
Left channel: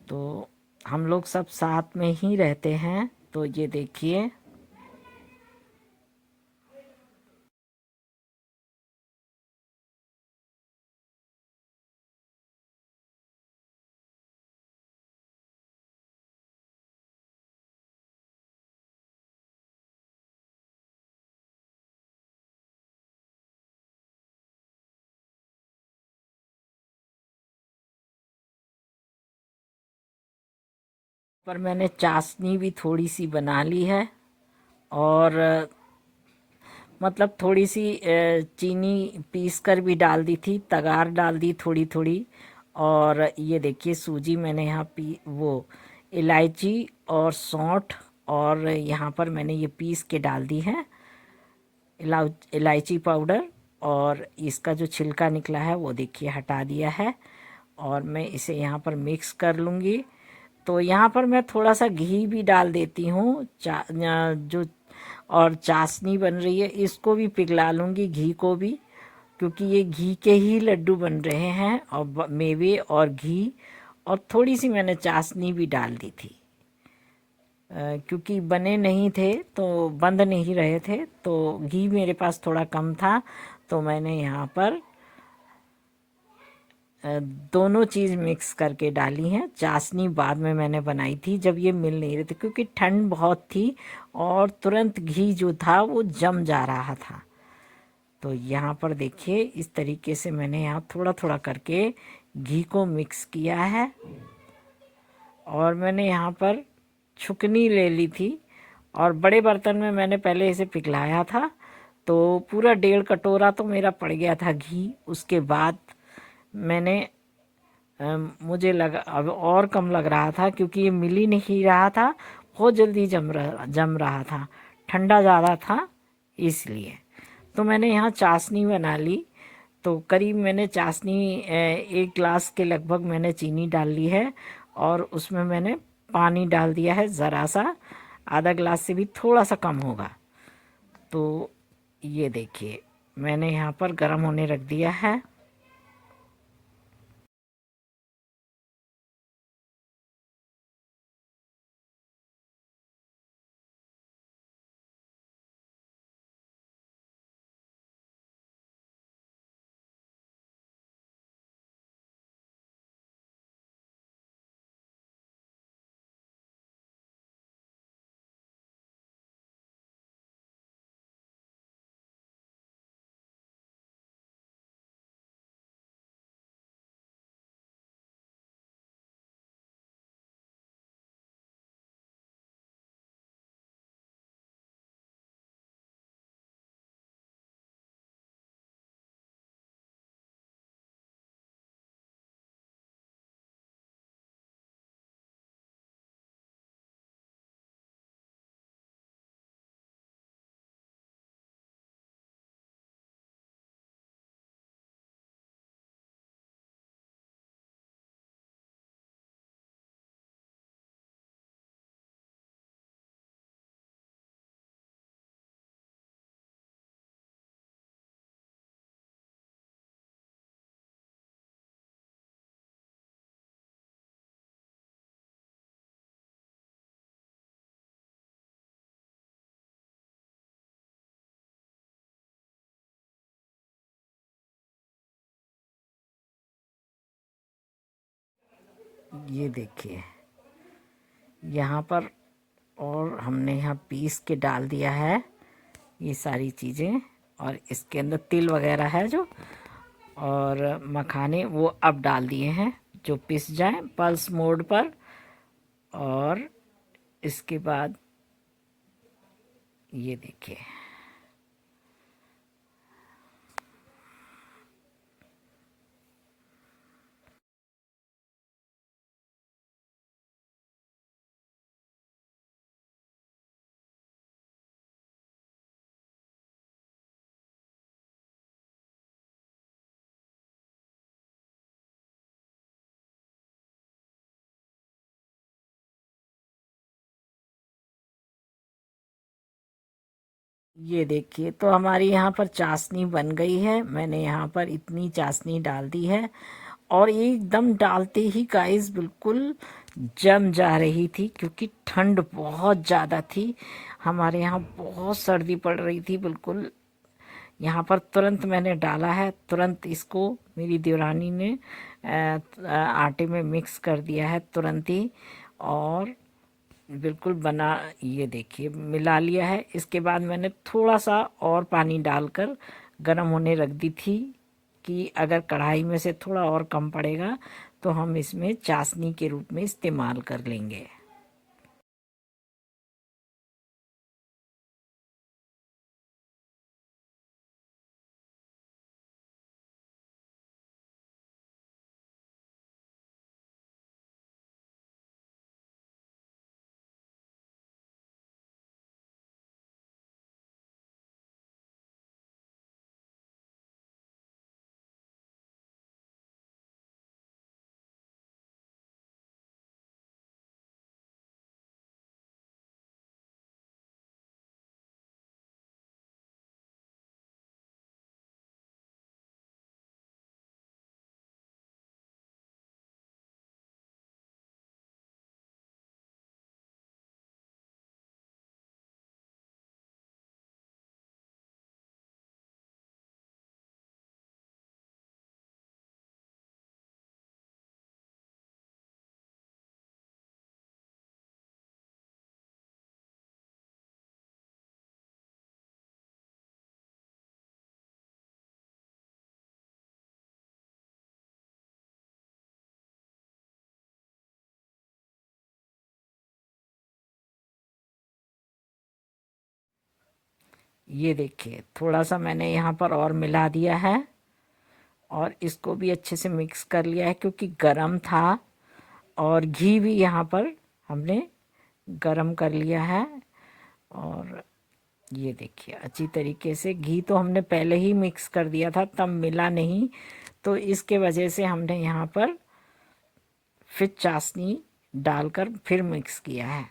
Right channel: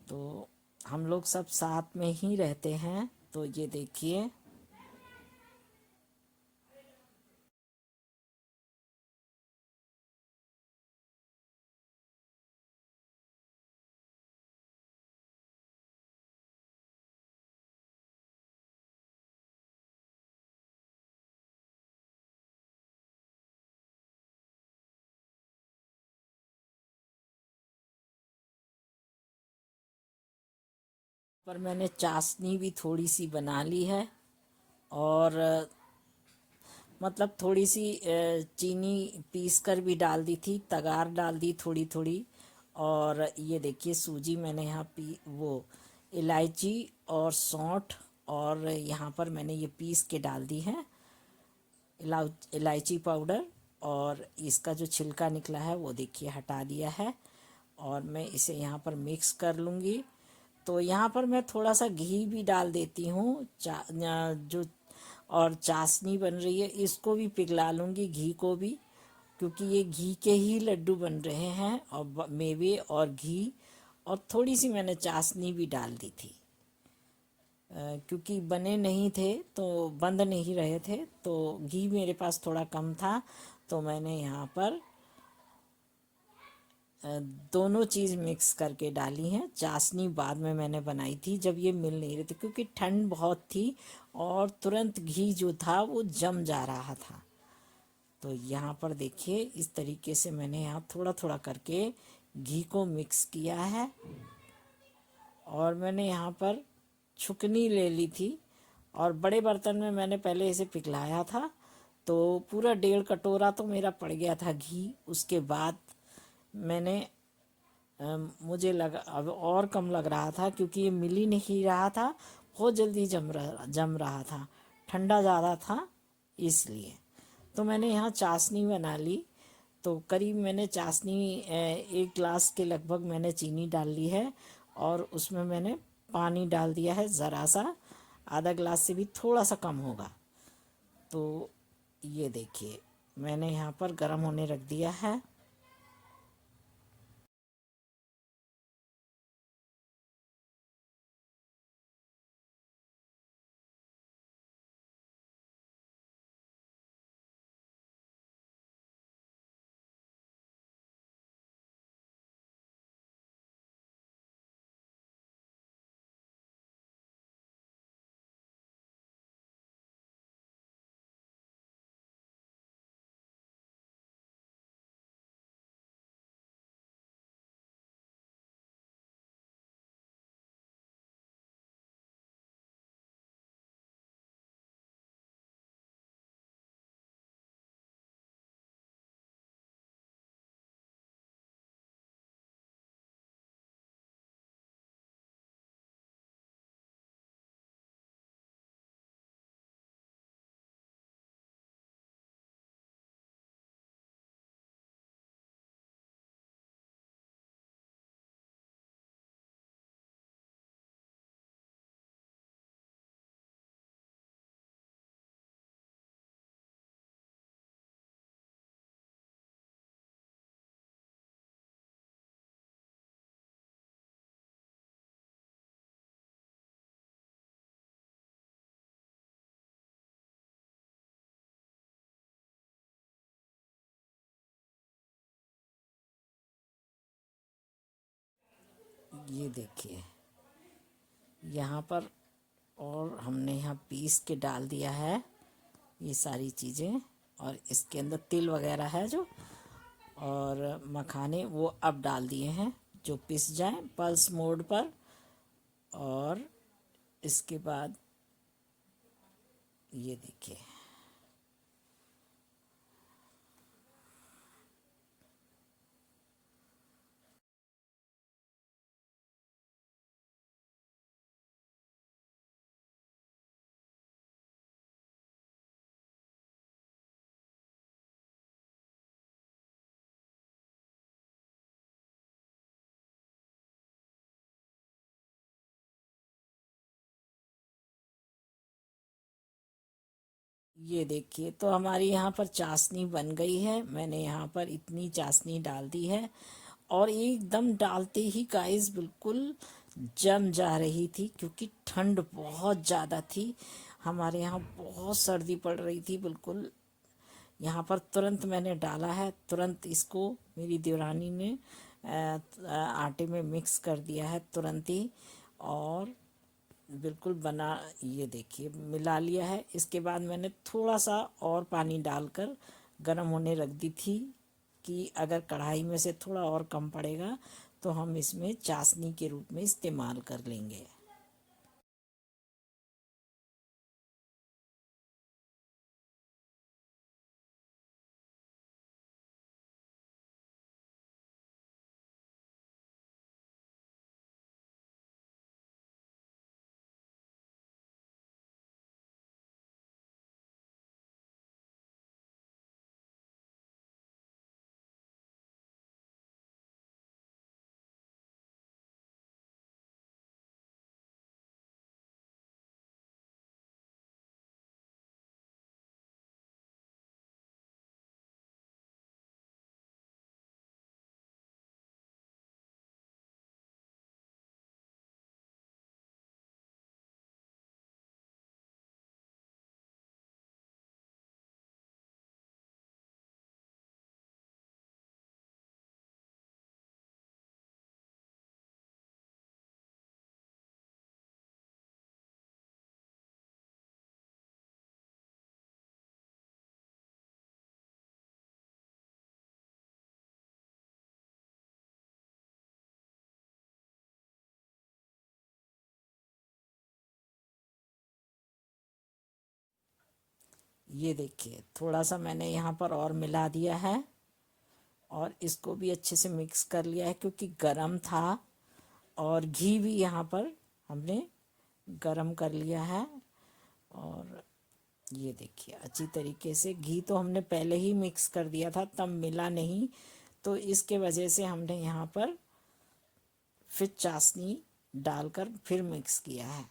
तो हम लोग सब साथ में ही रहते हैं। तो ये देखिए, पर मैंने चाशनी भी थोड़ी सी बना ली है, और मतलब थोड़ी सी चीनी पीस कर भी डाल दी थी, तगार डाल दी थोड़ी थोड़ी। और ये देखिए, सूजी मैंने यहाँ वो इलायची और सौंठ, और यहाँ पर मैंने ये पीस के डाल दी है इलायची पाउडर। और इसका जो छिलका निकला है वो देखिए हटा दिया है, और मैं इसे यहाँ पर मिक्स कर लूँगी। तो यहाँ पर मैं थोड़ा सा घी भी डाल देती हूँ, जो और चाशनी बन रही है इसको भी पिघला लूँगी, घी को भी, क्योंकि ये घी के ही लड्डू बन रहे हैं, और मेवे और घी, और थोड़ी सी मैंने चाशनी भी डाल दी थी, क्योंकि बने नहीं थे तो बंद नहीं रहे थे, तो घी मेरे पास थोड़ा कम था, तो मैंने यहाँ पर दोनों चीज़ मिक्स करके डाली हैं। चाशनी बाद में मैंने बनाई थी, जब ये मिल नहीं रहे थे, क्योंकि ठंड बहुत थी और तुरंत घी जो था वो जम जा रहा था। तो यहाँ पर देखिए, इस तरीके से मैंने यहाँ थोड़ा थोड़ा करके घी को मिक्स किया है, और मैंने यहाँ पर छुकनी ले ली थी, और बड़े बर्तन में मैंने पहले इसे पिघलाया था, तो पूरा 1.5 कटोरा तो मेरा पड़ गया था घी। उसके बाद मैंने मुझे लगा अब और कम लग रहा था, क्योंकि ये मिल ही नहीं रहा था, बहुत जल्दी जम रहा था, ठंडा ज़्यादा था इसलिए। तो मैंने यहाँ चाशनी बना ली। तो करीब मैंने चाशनी 1 गिलास के लगभग मैंने चीनी डाल ली है, और उसमें मैंने पानी डाल दिया है ज़रा सा, आधा गिलास से भी थोड़ा सा कम होगा। तो ये देखिए, मैंने यहाँ पर गर्म होने रख दिया है। ये देखिए, यहाँ पर और हमने यहाँ पीस के डाल दिया है ये सारी चीज़ें, और इसके अंदर तिल वगैरह है जो, और मखाने वो अब डाल दिए हैं, जो पिस जाए पल्स मोड पर। और इसके बाद ये देखिए, ये देखिए, तो हमारी यहाँ पर चाशनी बन गई है। मैंने यहाँ पर इतनी चाशनी डाल दी है और एकदम डालते ही गाइस बिल्कुल जम जा रही थी, क्योंकि ठंड बहुत ज़्यादा थी। हमारे यहाँ बहुत सर्दी पड़ रही थी बिल्कुल। यहाँ पर तुरंत मैंने डाला है, तुरंत इसको मेरी देवरानी ने आटे में मिक्स कर दिया है तुरंत ही। और बिल्कुल बना, ये देखिए मिला लिया है। इसके बाद मैंने थोड़ा सा और पानी डालकर गर्म होने रख दी थी, कि अगर कढ़ाई में से थोड़ा और कम पड़ेगा तो हम इसमें चाशनी के रूप में इस्तेमाल कर लेंगे। ये देखिए, थोड़ा सा मैंने यहाँ पर और मिला दिया है और इसको भी अच्छे से मिक्स कर लिया है, क्योंकि गरम था। और घी भी यहाँ पर हमने गरम कर लिया है। और ये देखिए, अच्छी तरीके से घी तो हमने पहले ही मिक्स कर दिया था, तब मिला नहीं, तो इसके वजह से हमने यहाँ पर फिर चाशनी डालकर फिर मिक्स किया है।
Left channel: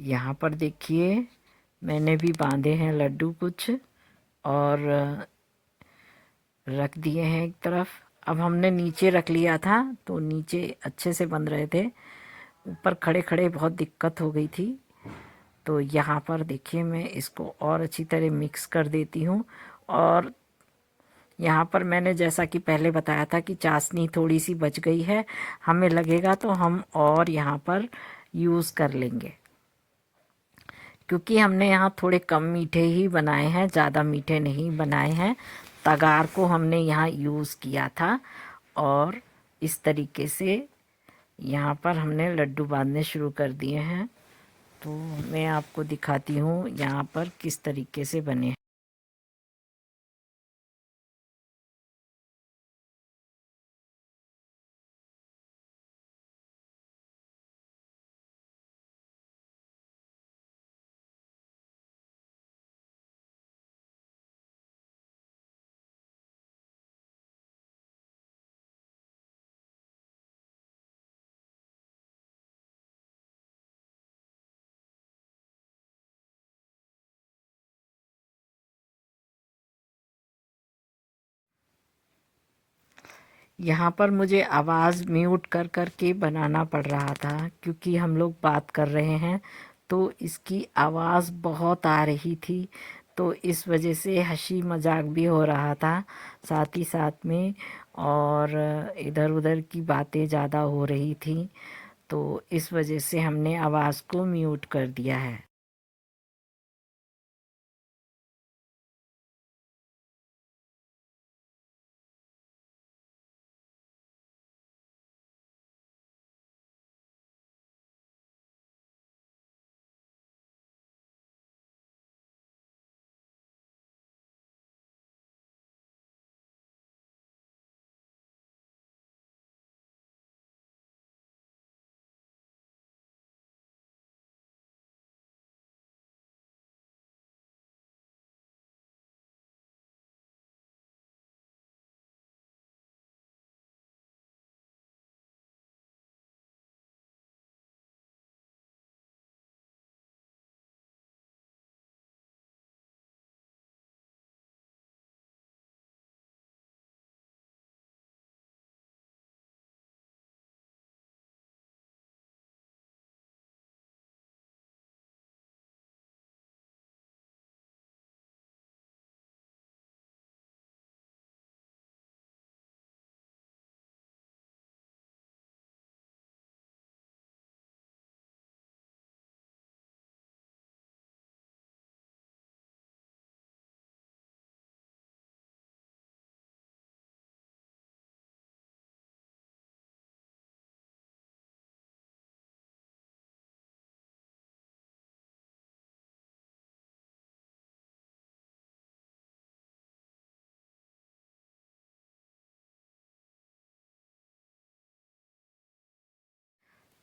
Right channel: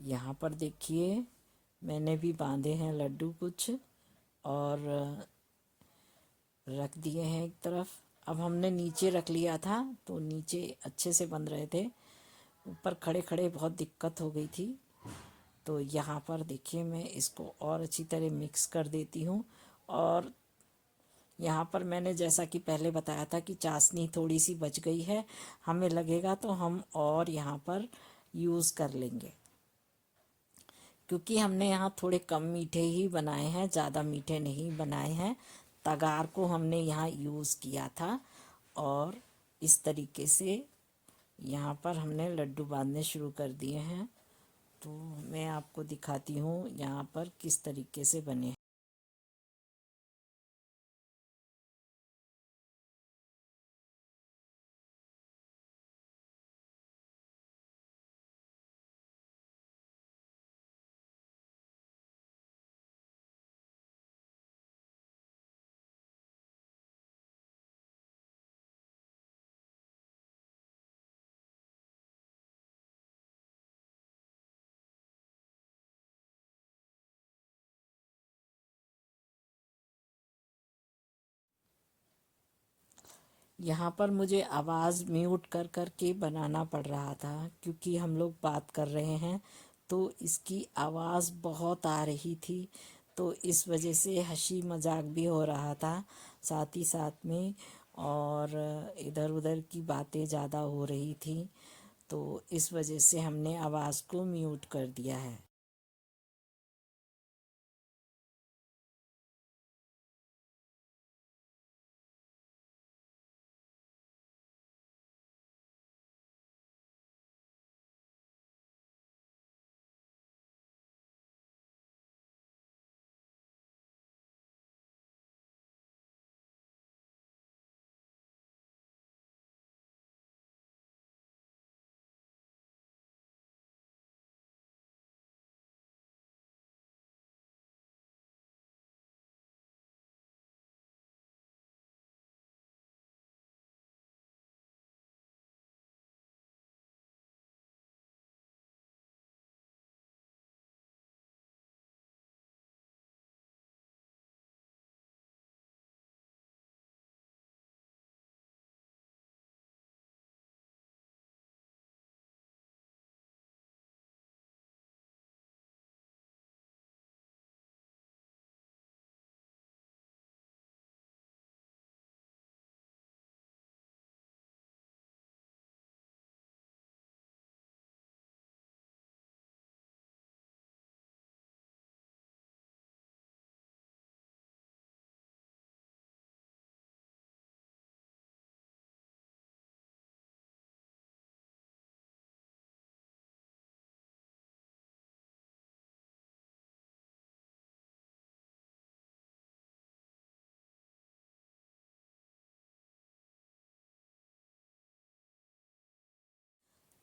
यहाँ पर देखिए मैंने भी बांधे हैं लड्डू कुछ, और रख दिए हैं एक तरफ। अब हमने नीचे रख लिया था तो नीचे अच्छे से बन रहे थे, ऊपर खड़े खड़े बहुत दिक्कत हो गई थी। तो यहाँ पर देखिए मैं इसको और अच्छी तरह मिक्स कर देती हूँ। और यहाँ पर मैंने जैसा कि पहले बताया था कि चाशनी थोड़ी सी बच गई है, हमें लगेगा तो हम और यहाँ पर यूज़ कर लेंगे, क्योंकि हमने यहाँ थोड़े कम मीठे ही बनाए हैं, ज़्यादा मीठे नहीं बनाए हैं। तगार को हमने यहाँ यूज़ किया था, और इस तरीके से यहाँ पर हमने लड्डू बांधने शुरू कर दिए हैं। तो मैं आपको दिखाती हूँ यहाँ पर किस तरीके से बने हैं। यहाँ पर मुझे आवाज़ म्यूट कर कर के बनाना पड़ रहा था, क्योंकि हम लोग बात कर रहे हैं तो इसकी आवाज़ बहुत आ रही थी। तो इस वजह से हंसी मजाक भी हो रहा था साथ ही साथ में, और इधर उधर की बातें ज़्यादा हो रही थी। तो इस वजह से हमने आवाज़ को म्यूट कर दिया है।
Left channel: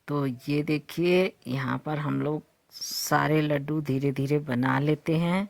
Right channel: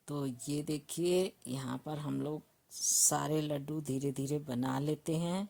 तो ये देखिए यहाँ पर हम लोग सारे लड्डू धीरे धीरे बना लेते हैं।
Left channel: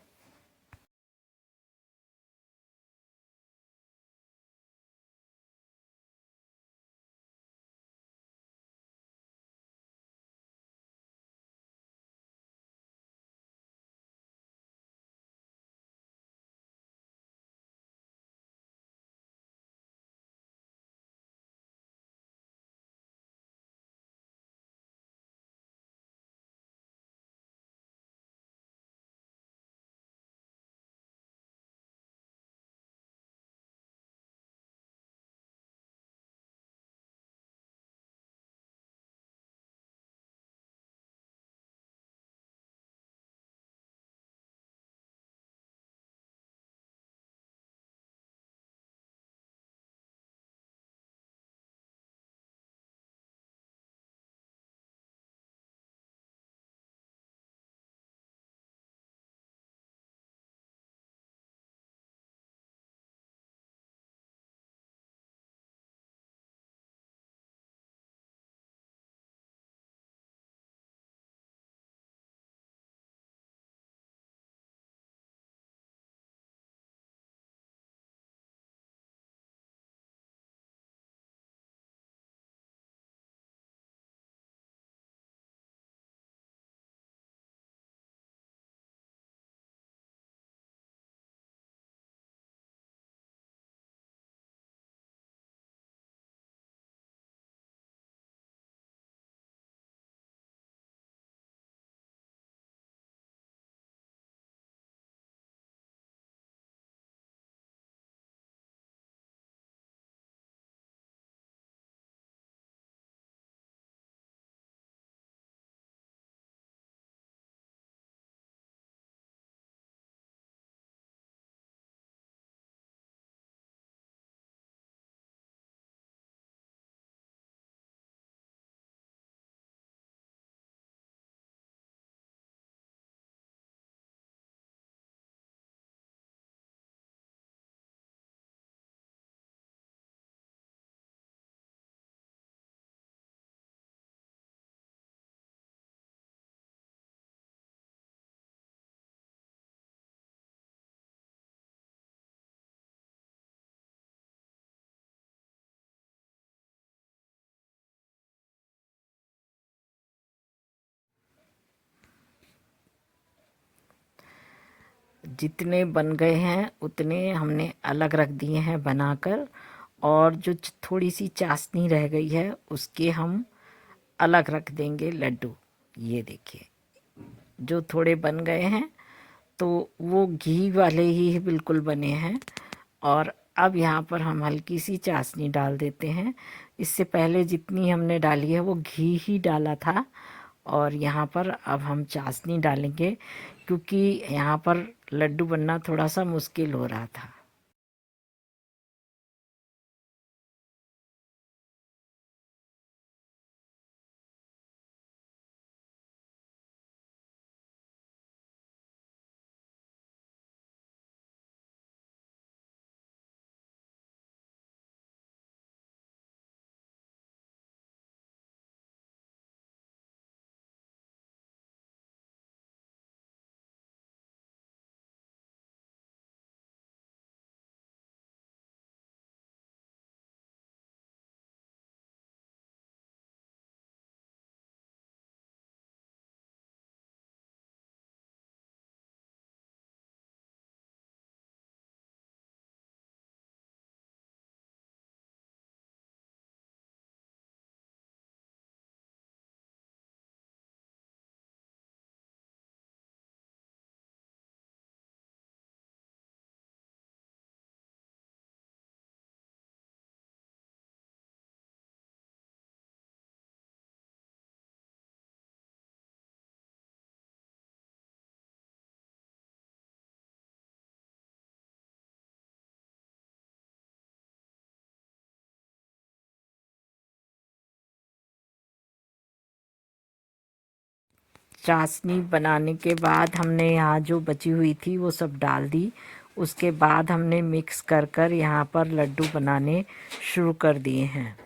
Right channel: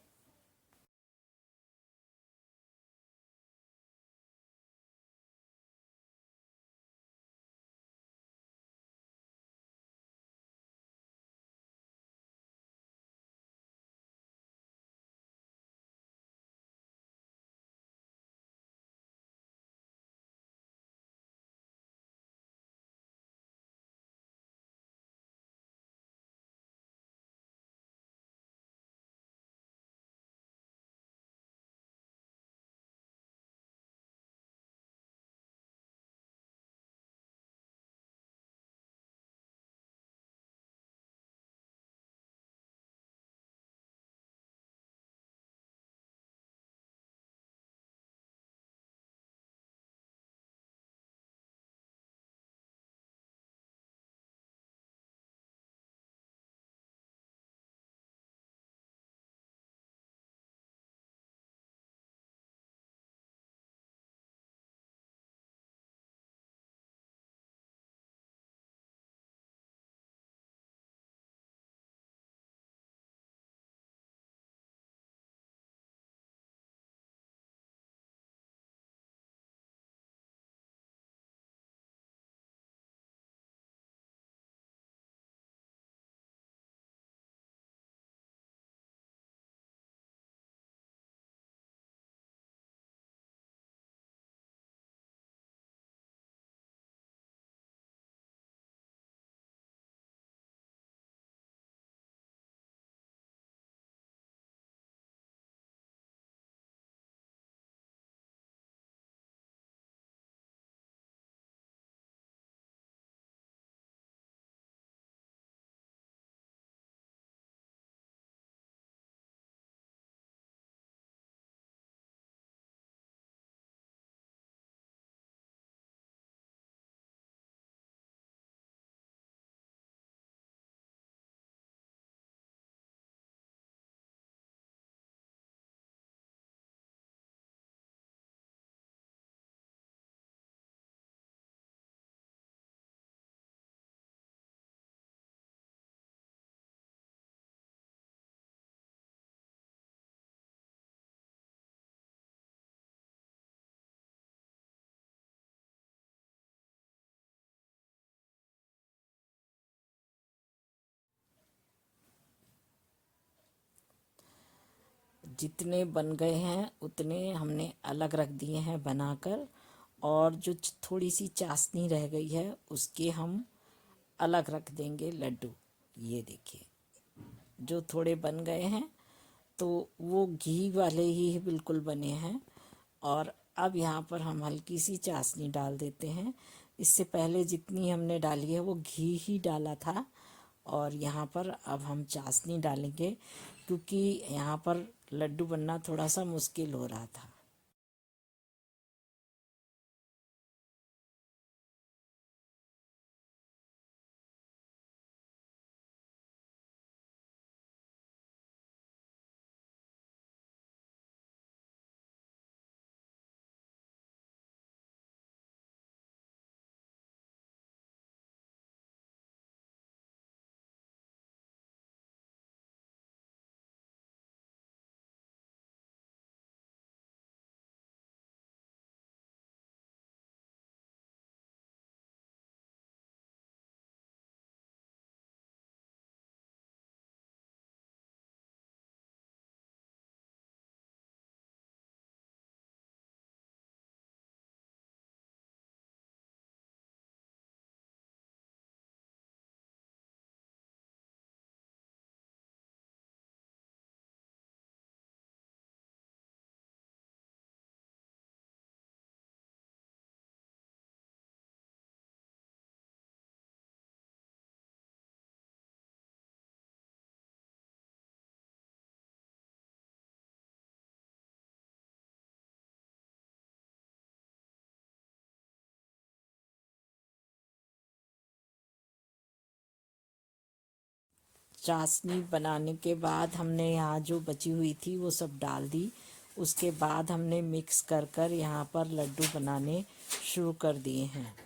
जितने बन गए हैं उतने हमने अलग रख दिए हैं बनाकर, और जो थोड़ी सी चाशनी रह गई है उसके हम अलग रख देंगे लड्डू। ये देखिए, जो थोड़े बन गए हैं तो वो घी वाले ही बिल्कुल बने हैं। और अब यहाँ पर हम हल्की सी चाशनी डाल देते हैं। इससे पहले जितनी हमने डाली है वो घी ही डाला था, और यहाँ पर अब हम चाशनी डालेंगे क्योंकि यहाँ पर लड्डू बनना थोड़ा सा मुश्किल हो रहा था। चाशनी बनाने के बाद हमने यहाँ जो बची हुई थी वो सब डाल दी। उसके बाद हमने मिक्स कर कर यहाँ पर लड्डू बनाने शुरू कर दिए हैं।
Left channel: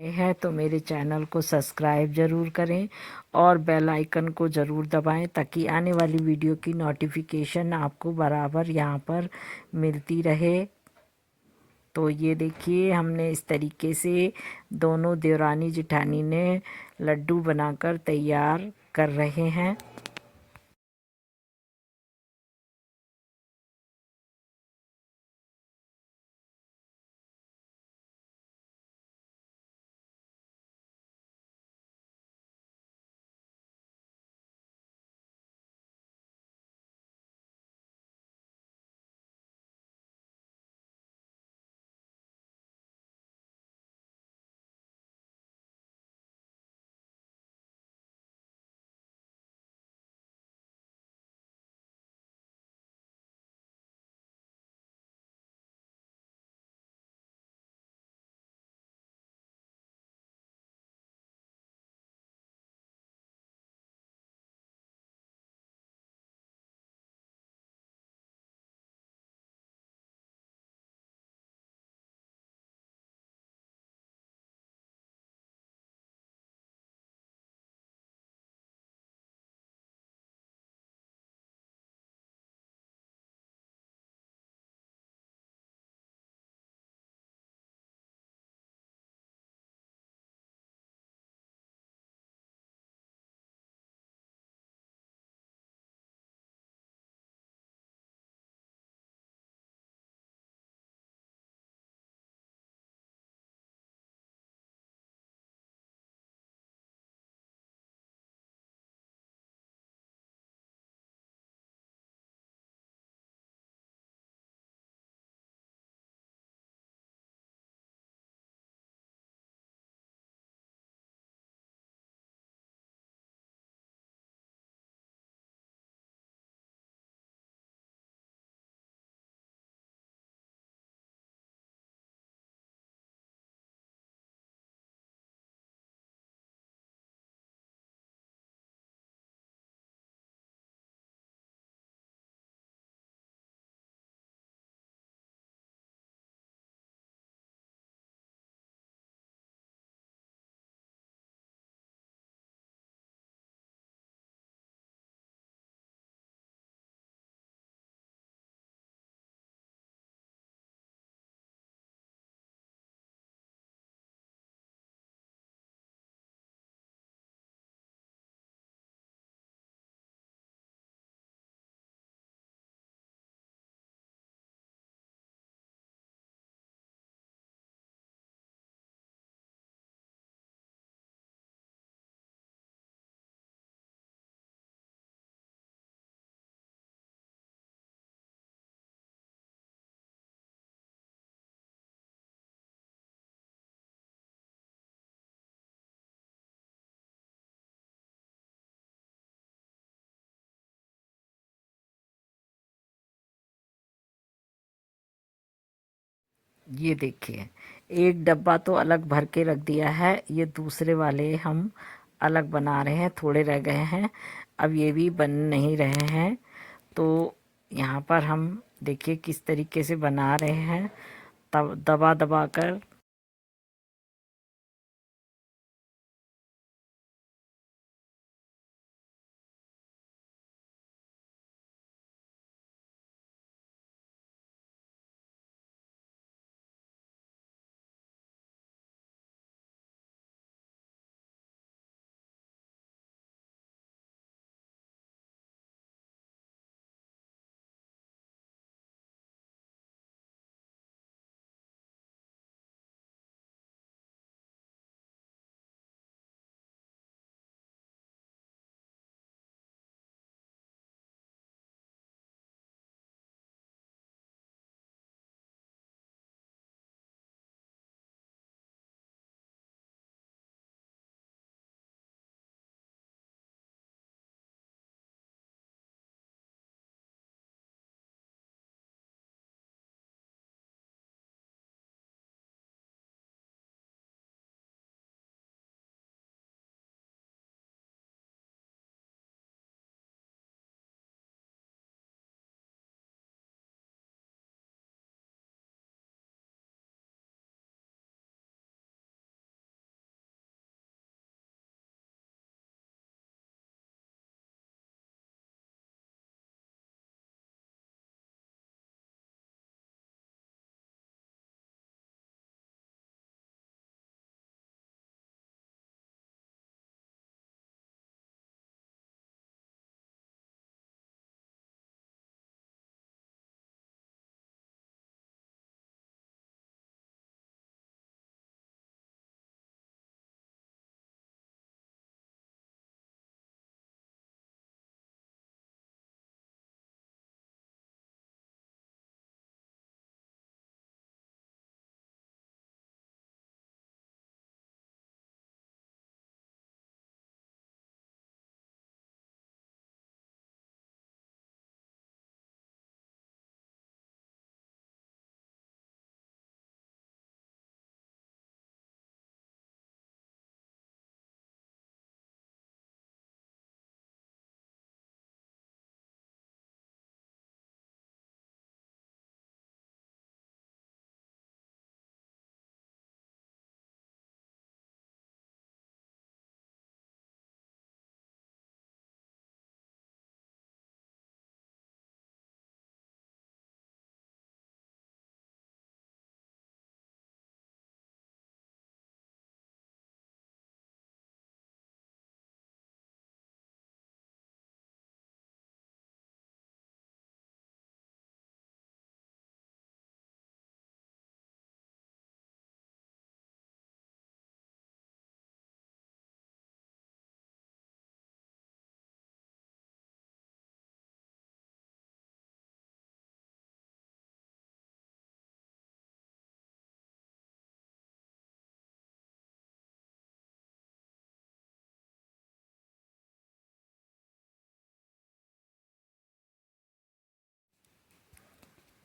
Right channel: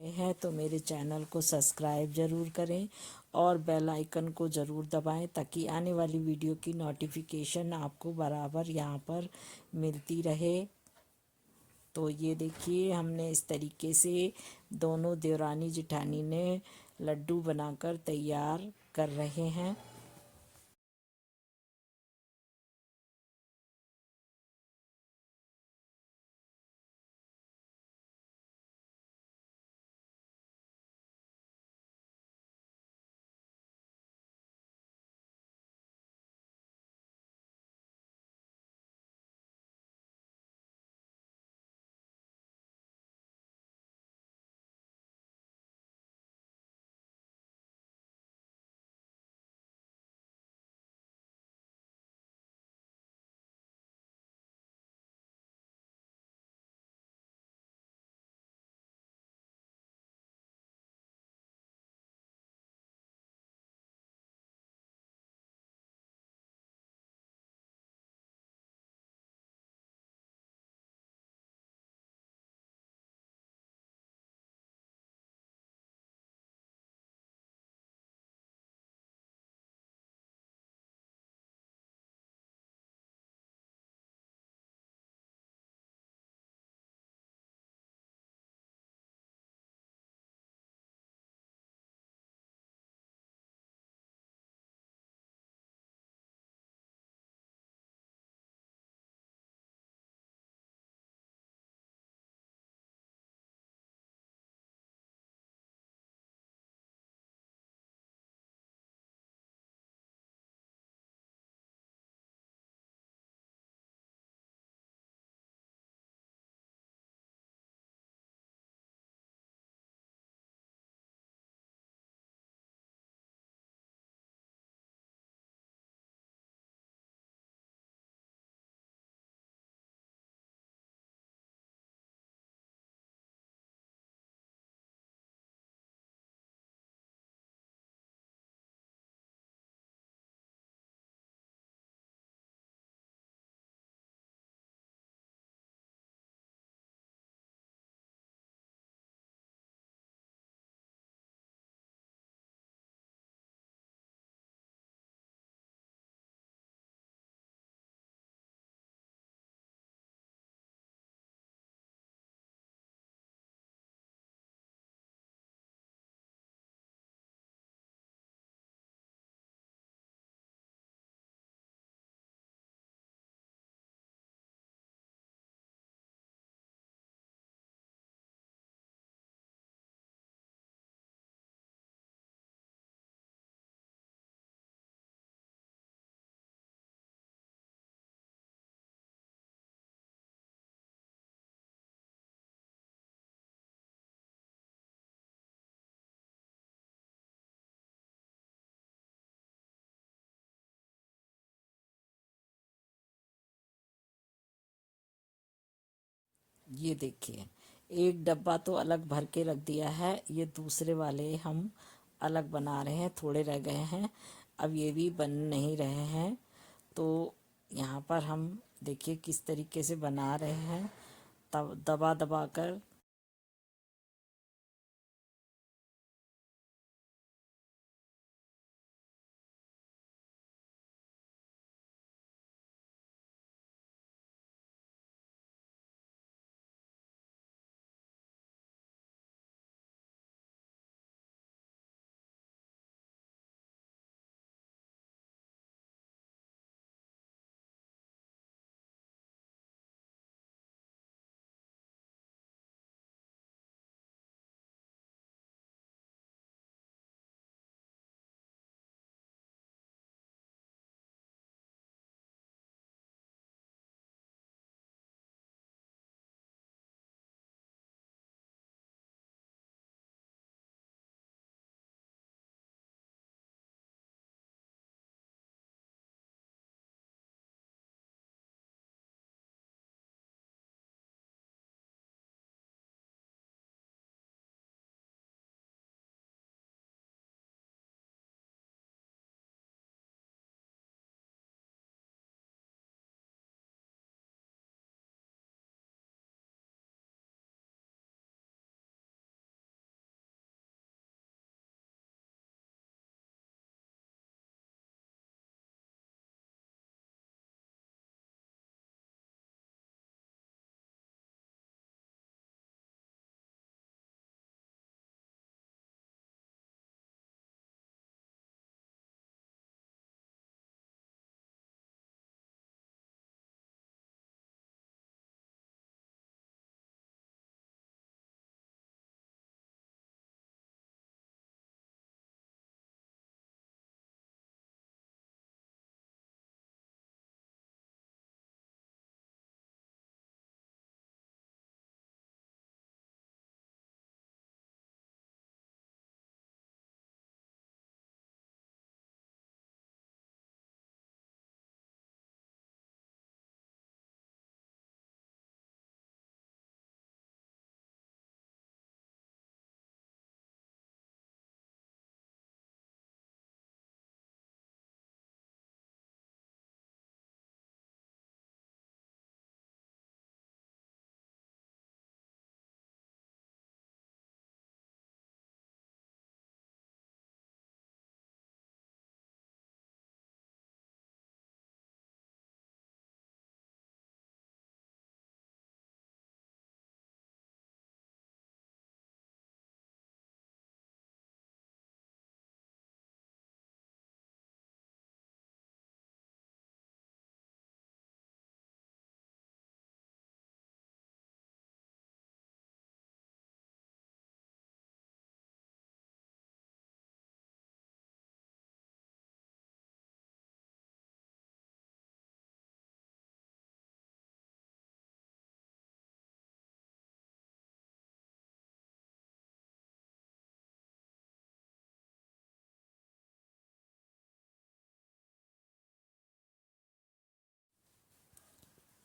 है तो मेरे चैनल को सब्सक्राइब ज़रूर करें और बेल आइकन को ज़रूर दबाएं ताकि आने वाली वीडियो की नोटिफिकेशन आपको बराबर यहाँ पर मिलती रहे। तो ये देखिए, हमने इस तरीके से दोनों देवरानी जेठानी ने लड्डू बनाकर तैयार कर रहे हैं। ये देखिए, एक डब्बा तो अलग भर के रख दिया है, ये दूसरे वाले हम अलग बना रहे हैं, थोड़े रह गए हैं, अब ये भी बन नहीं रहे हैं। तो यहाँ पर हम देखिए किस तरीके से बना रहे हैं, तब दबा दबा कर।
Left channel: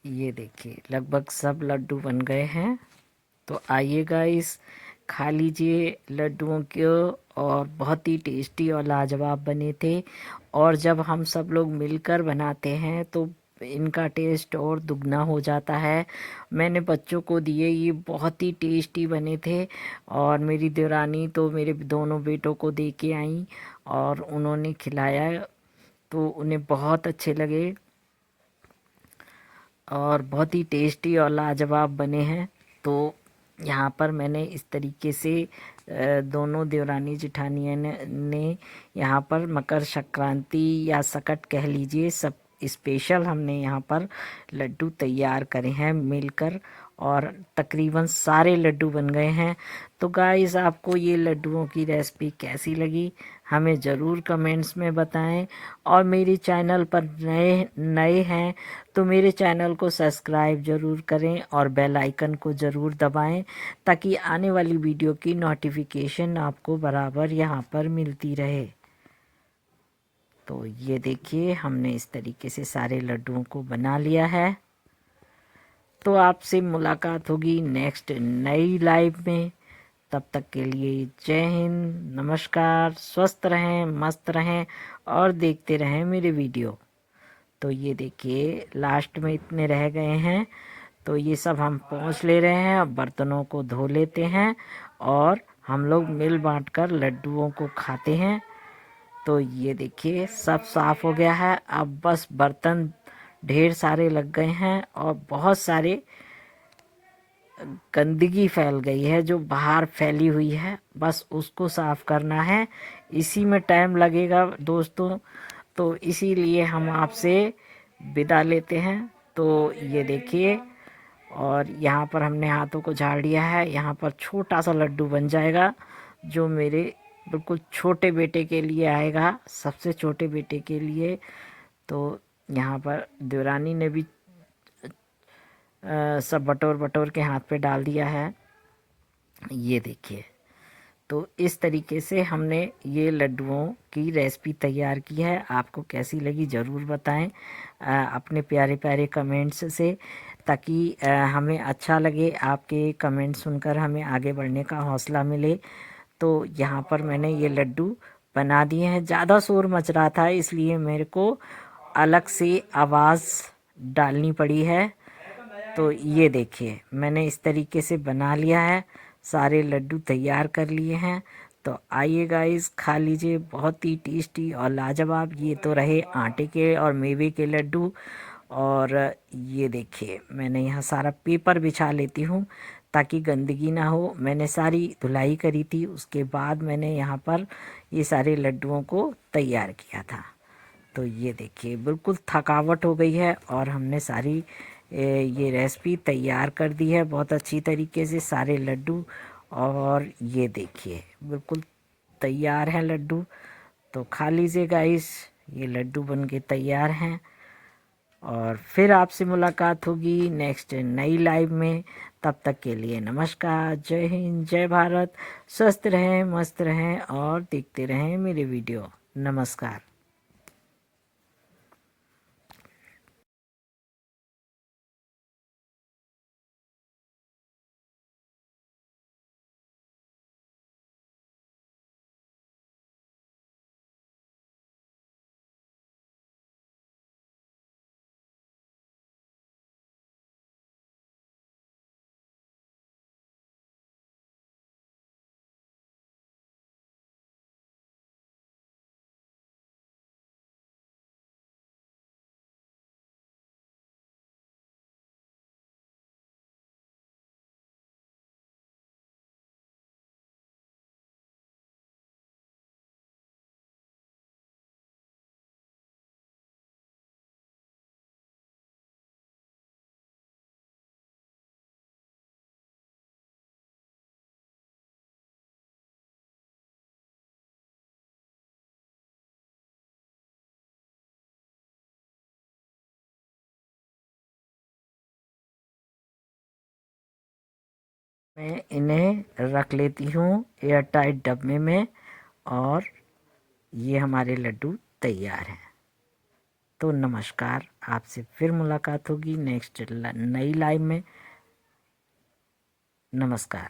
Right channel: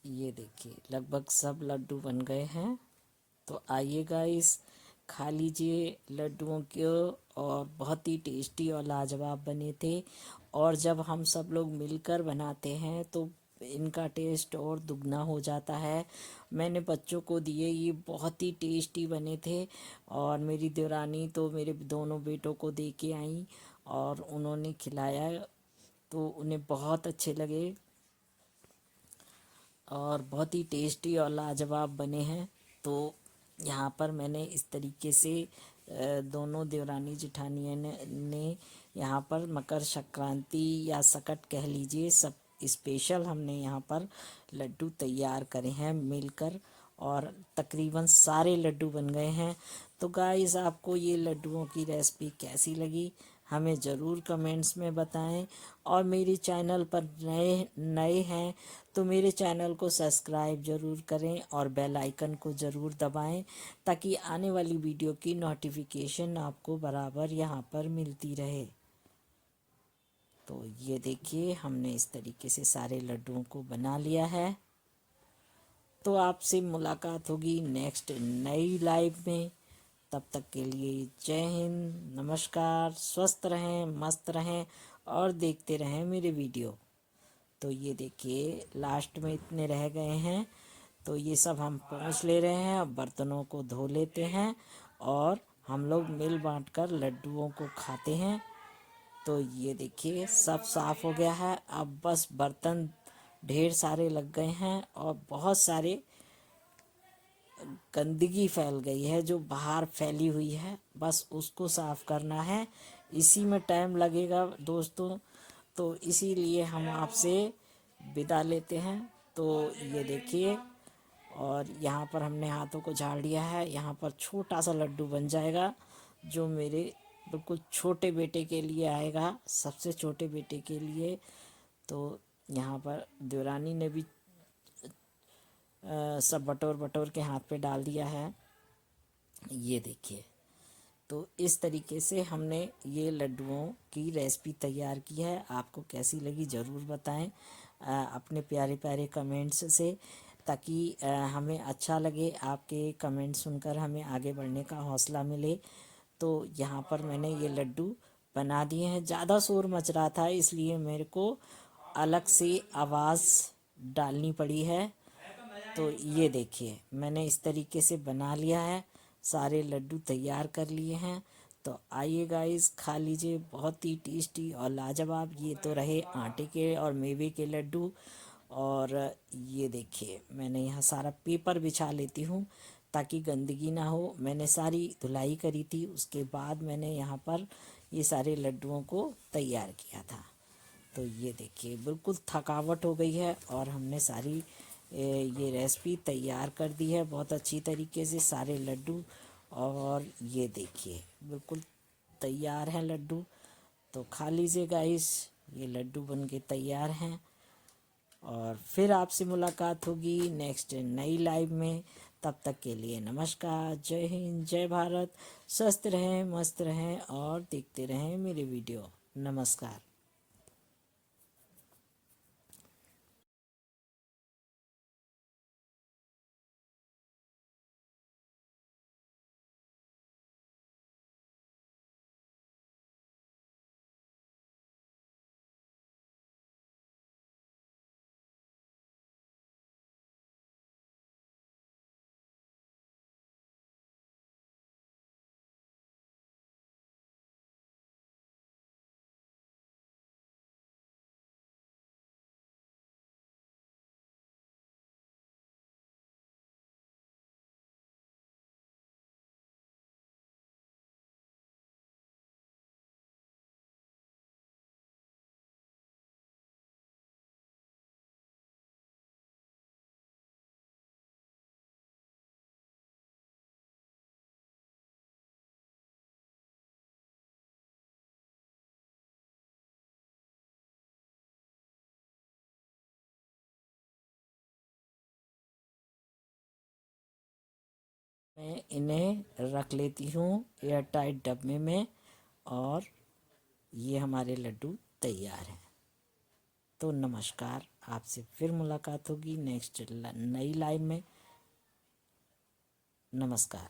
ये देखिए लगभग सब लड्डू बन गए हैं। तो आइए गाइस, खा लीजिए लड्डुओं को। और बहुत ही टेस्टी और लाजवाब बने थे। और जब हम सब लोग मिलकर बनाते हैं तो इनका टेस्ट और दुगना हो जाता है। मैंने बच्चों को दिए, ये बहुत ही टेस्टी बने थे। और मेरी देवरानी तो मेरे दोनों बेटों को दे के आई और उन्होंने खिलाया, तो उन्हें बहुत अच्छे लगे और बहुत ही टेस्टी और लाजवाब बने हैं। तो यहाँ पर मैंने इस तरीके से दोनों देवरानी जेठानियों ने यहाँ पर मकर संक्रांति या सकट कह लीजिए, सब स्पेशल हमने यहाँ पर लड्डू तैयार करे हैं मिलकर। और तकरीबन सारे लड्डू बन गए हैं। तो गाइस, आपको ये लड्डुओं की रेसिपी कैसी लगी हमें ज़रूर कमेंट्स में बताएं। और मेरे चैनल पर नए नए हैं तो मेरे चैनल को सब्सक्राइब ज़रूर करें और बेल आइकन को ज़रूर दबाएं, ताकि आने वाली वीडियो की नोटिफिकेशन आपको बराबर यहाँ पर मिलती रहे। तो ये देखिए, हमने इस तरीके से सारे लड्डुओं को बना लिया है। तो आपसे मुलाकात होगी नेक्स्ट नई लाइव में। तब तक के लिए जय हिंद, नमस्कार, स्वस्थ रहें, मस्त रहें और देखते रहें मेरे वीडियो। तो ये देखिए लास्ट में इतने रह गए हैं, तो ये सब हम पोंछ ले रहे हैं। अब बर्तनों को धो लेते हैं और हम लोग मिल बांट कर लड्डुओं को खाते हैं। तो ये देखिए सब साफ हो गया है। अब बस बर्तन ढेर सारे लग गए हैं और बहुत सारे गंदगी फैल गई है जो बाहर फैली हुई है, बस उसको साफ करना है। इसी में टाइम लगेगा दोस्तों, तो इसीलिए हम आपसे विदा लेते हैं। तो ये देखिए, और यहाँ पर हमने हाथों को झाड़ लिया है। यहाँ पर छोटा सा लड्डू बन जाएगा जो मेरे बिल्कुल छोटे बेटे के लिए आएगा, सबसे छोटे बेटे के लिए। तो यहाँ पर देवरानी ने भी सब बटोर बटोर के हाथ पे डाल दिया है। ये देखिए, तो इस तरीके से हमने ये लड्डुओं की रेसिपी तैयार की है। आपको कैसी लगी ज़रूर बताएं अपने प्यारे प्यारे कमेंट्स से, ताकि हमें अच्छा लगे। आपके कमेंट सुनकर हमें आगे बढ़ने का हौसला मिले। तो यहाँ पर मैंने ये लड्डू बना दिए हैं। ज़्यादा शोर मच रहा था इसलिए मेरे को अलग से आवाज़ डालनी पड़ी है। तो ये देखिए मैंने इस तरीके से बना लिया है, सारे लड्डू तैयार कर लिए हैं। तो आइए गाइस, खा लीजिए, बहुत ही टेस्टी और लाजवाब। ये तो रहे आटे के और मेवे के लड्डू। और ये देखिए मैंने यहाँ सारा पेपर बिछा लेती हूँ ताकि गंदगी ना हो। मैंने सारी धुलाई करी थी, उसके बाद मैंने यहाँ पर ये सारे लड्डुओं को तैयार किया था। तो ये देखिए बिल्कुल थकावट हो गई है और हमने सारी ये रेसिपी तैयार कर दी है बहुत अच्छी तरीके से, सारे लड्डू। और ये देखिए बिल्कुल तैयार हैं लड्डू। तो खा लीजिए गाइस, ये लड्डू बन के तैयार हैं। और फिर आपसे मुलाकात होगी नेक्स्ट नई लाइव में। तब तक के लिए नमस्कार, जय हिंद, जय भारत। स्वस्थ रहें, मस्त रहें और देखते रहें मेरे वीडियो। नमस्कार। मैं इन्हें रख लेती हूँ एयर टाइट डब्बे में। और ये हमारे लड्डू तैयार हैं। तो नमस्कार, आपसे फिर मुलाकात होगी नेक्स्ट नई लाइव में। नमस्कार।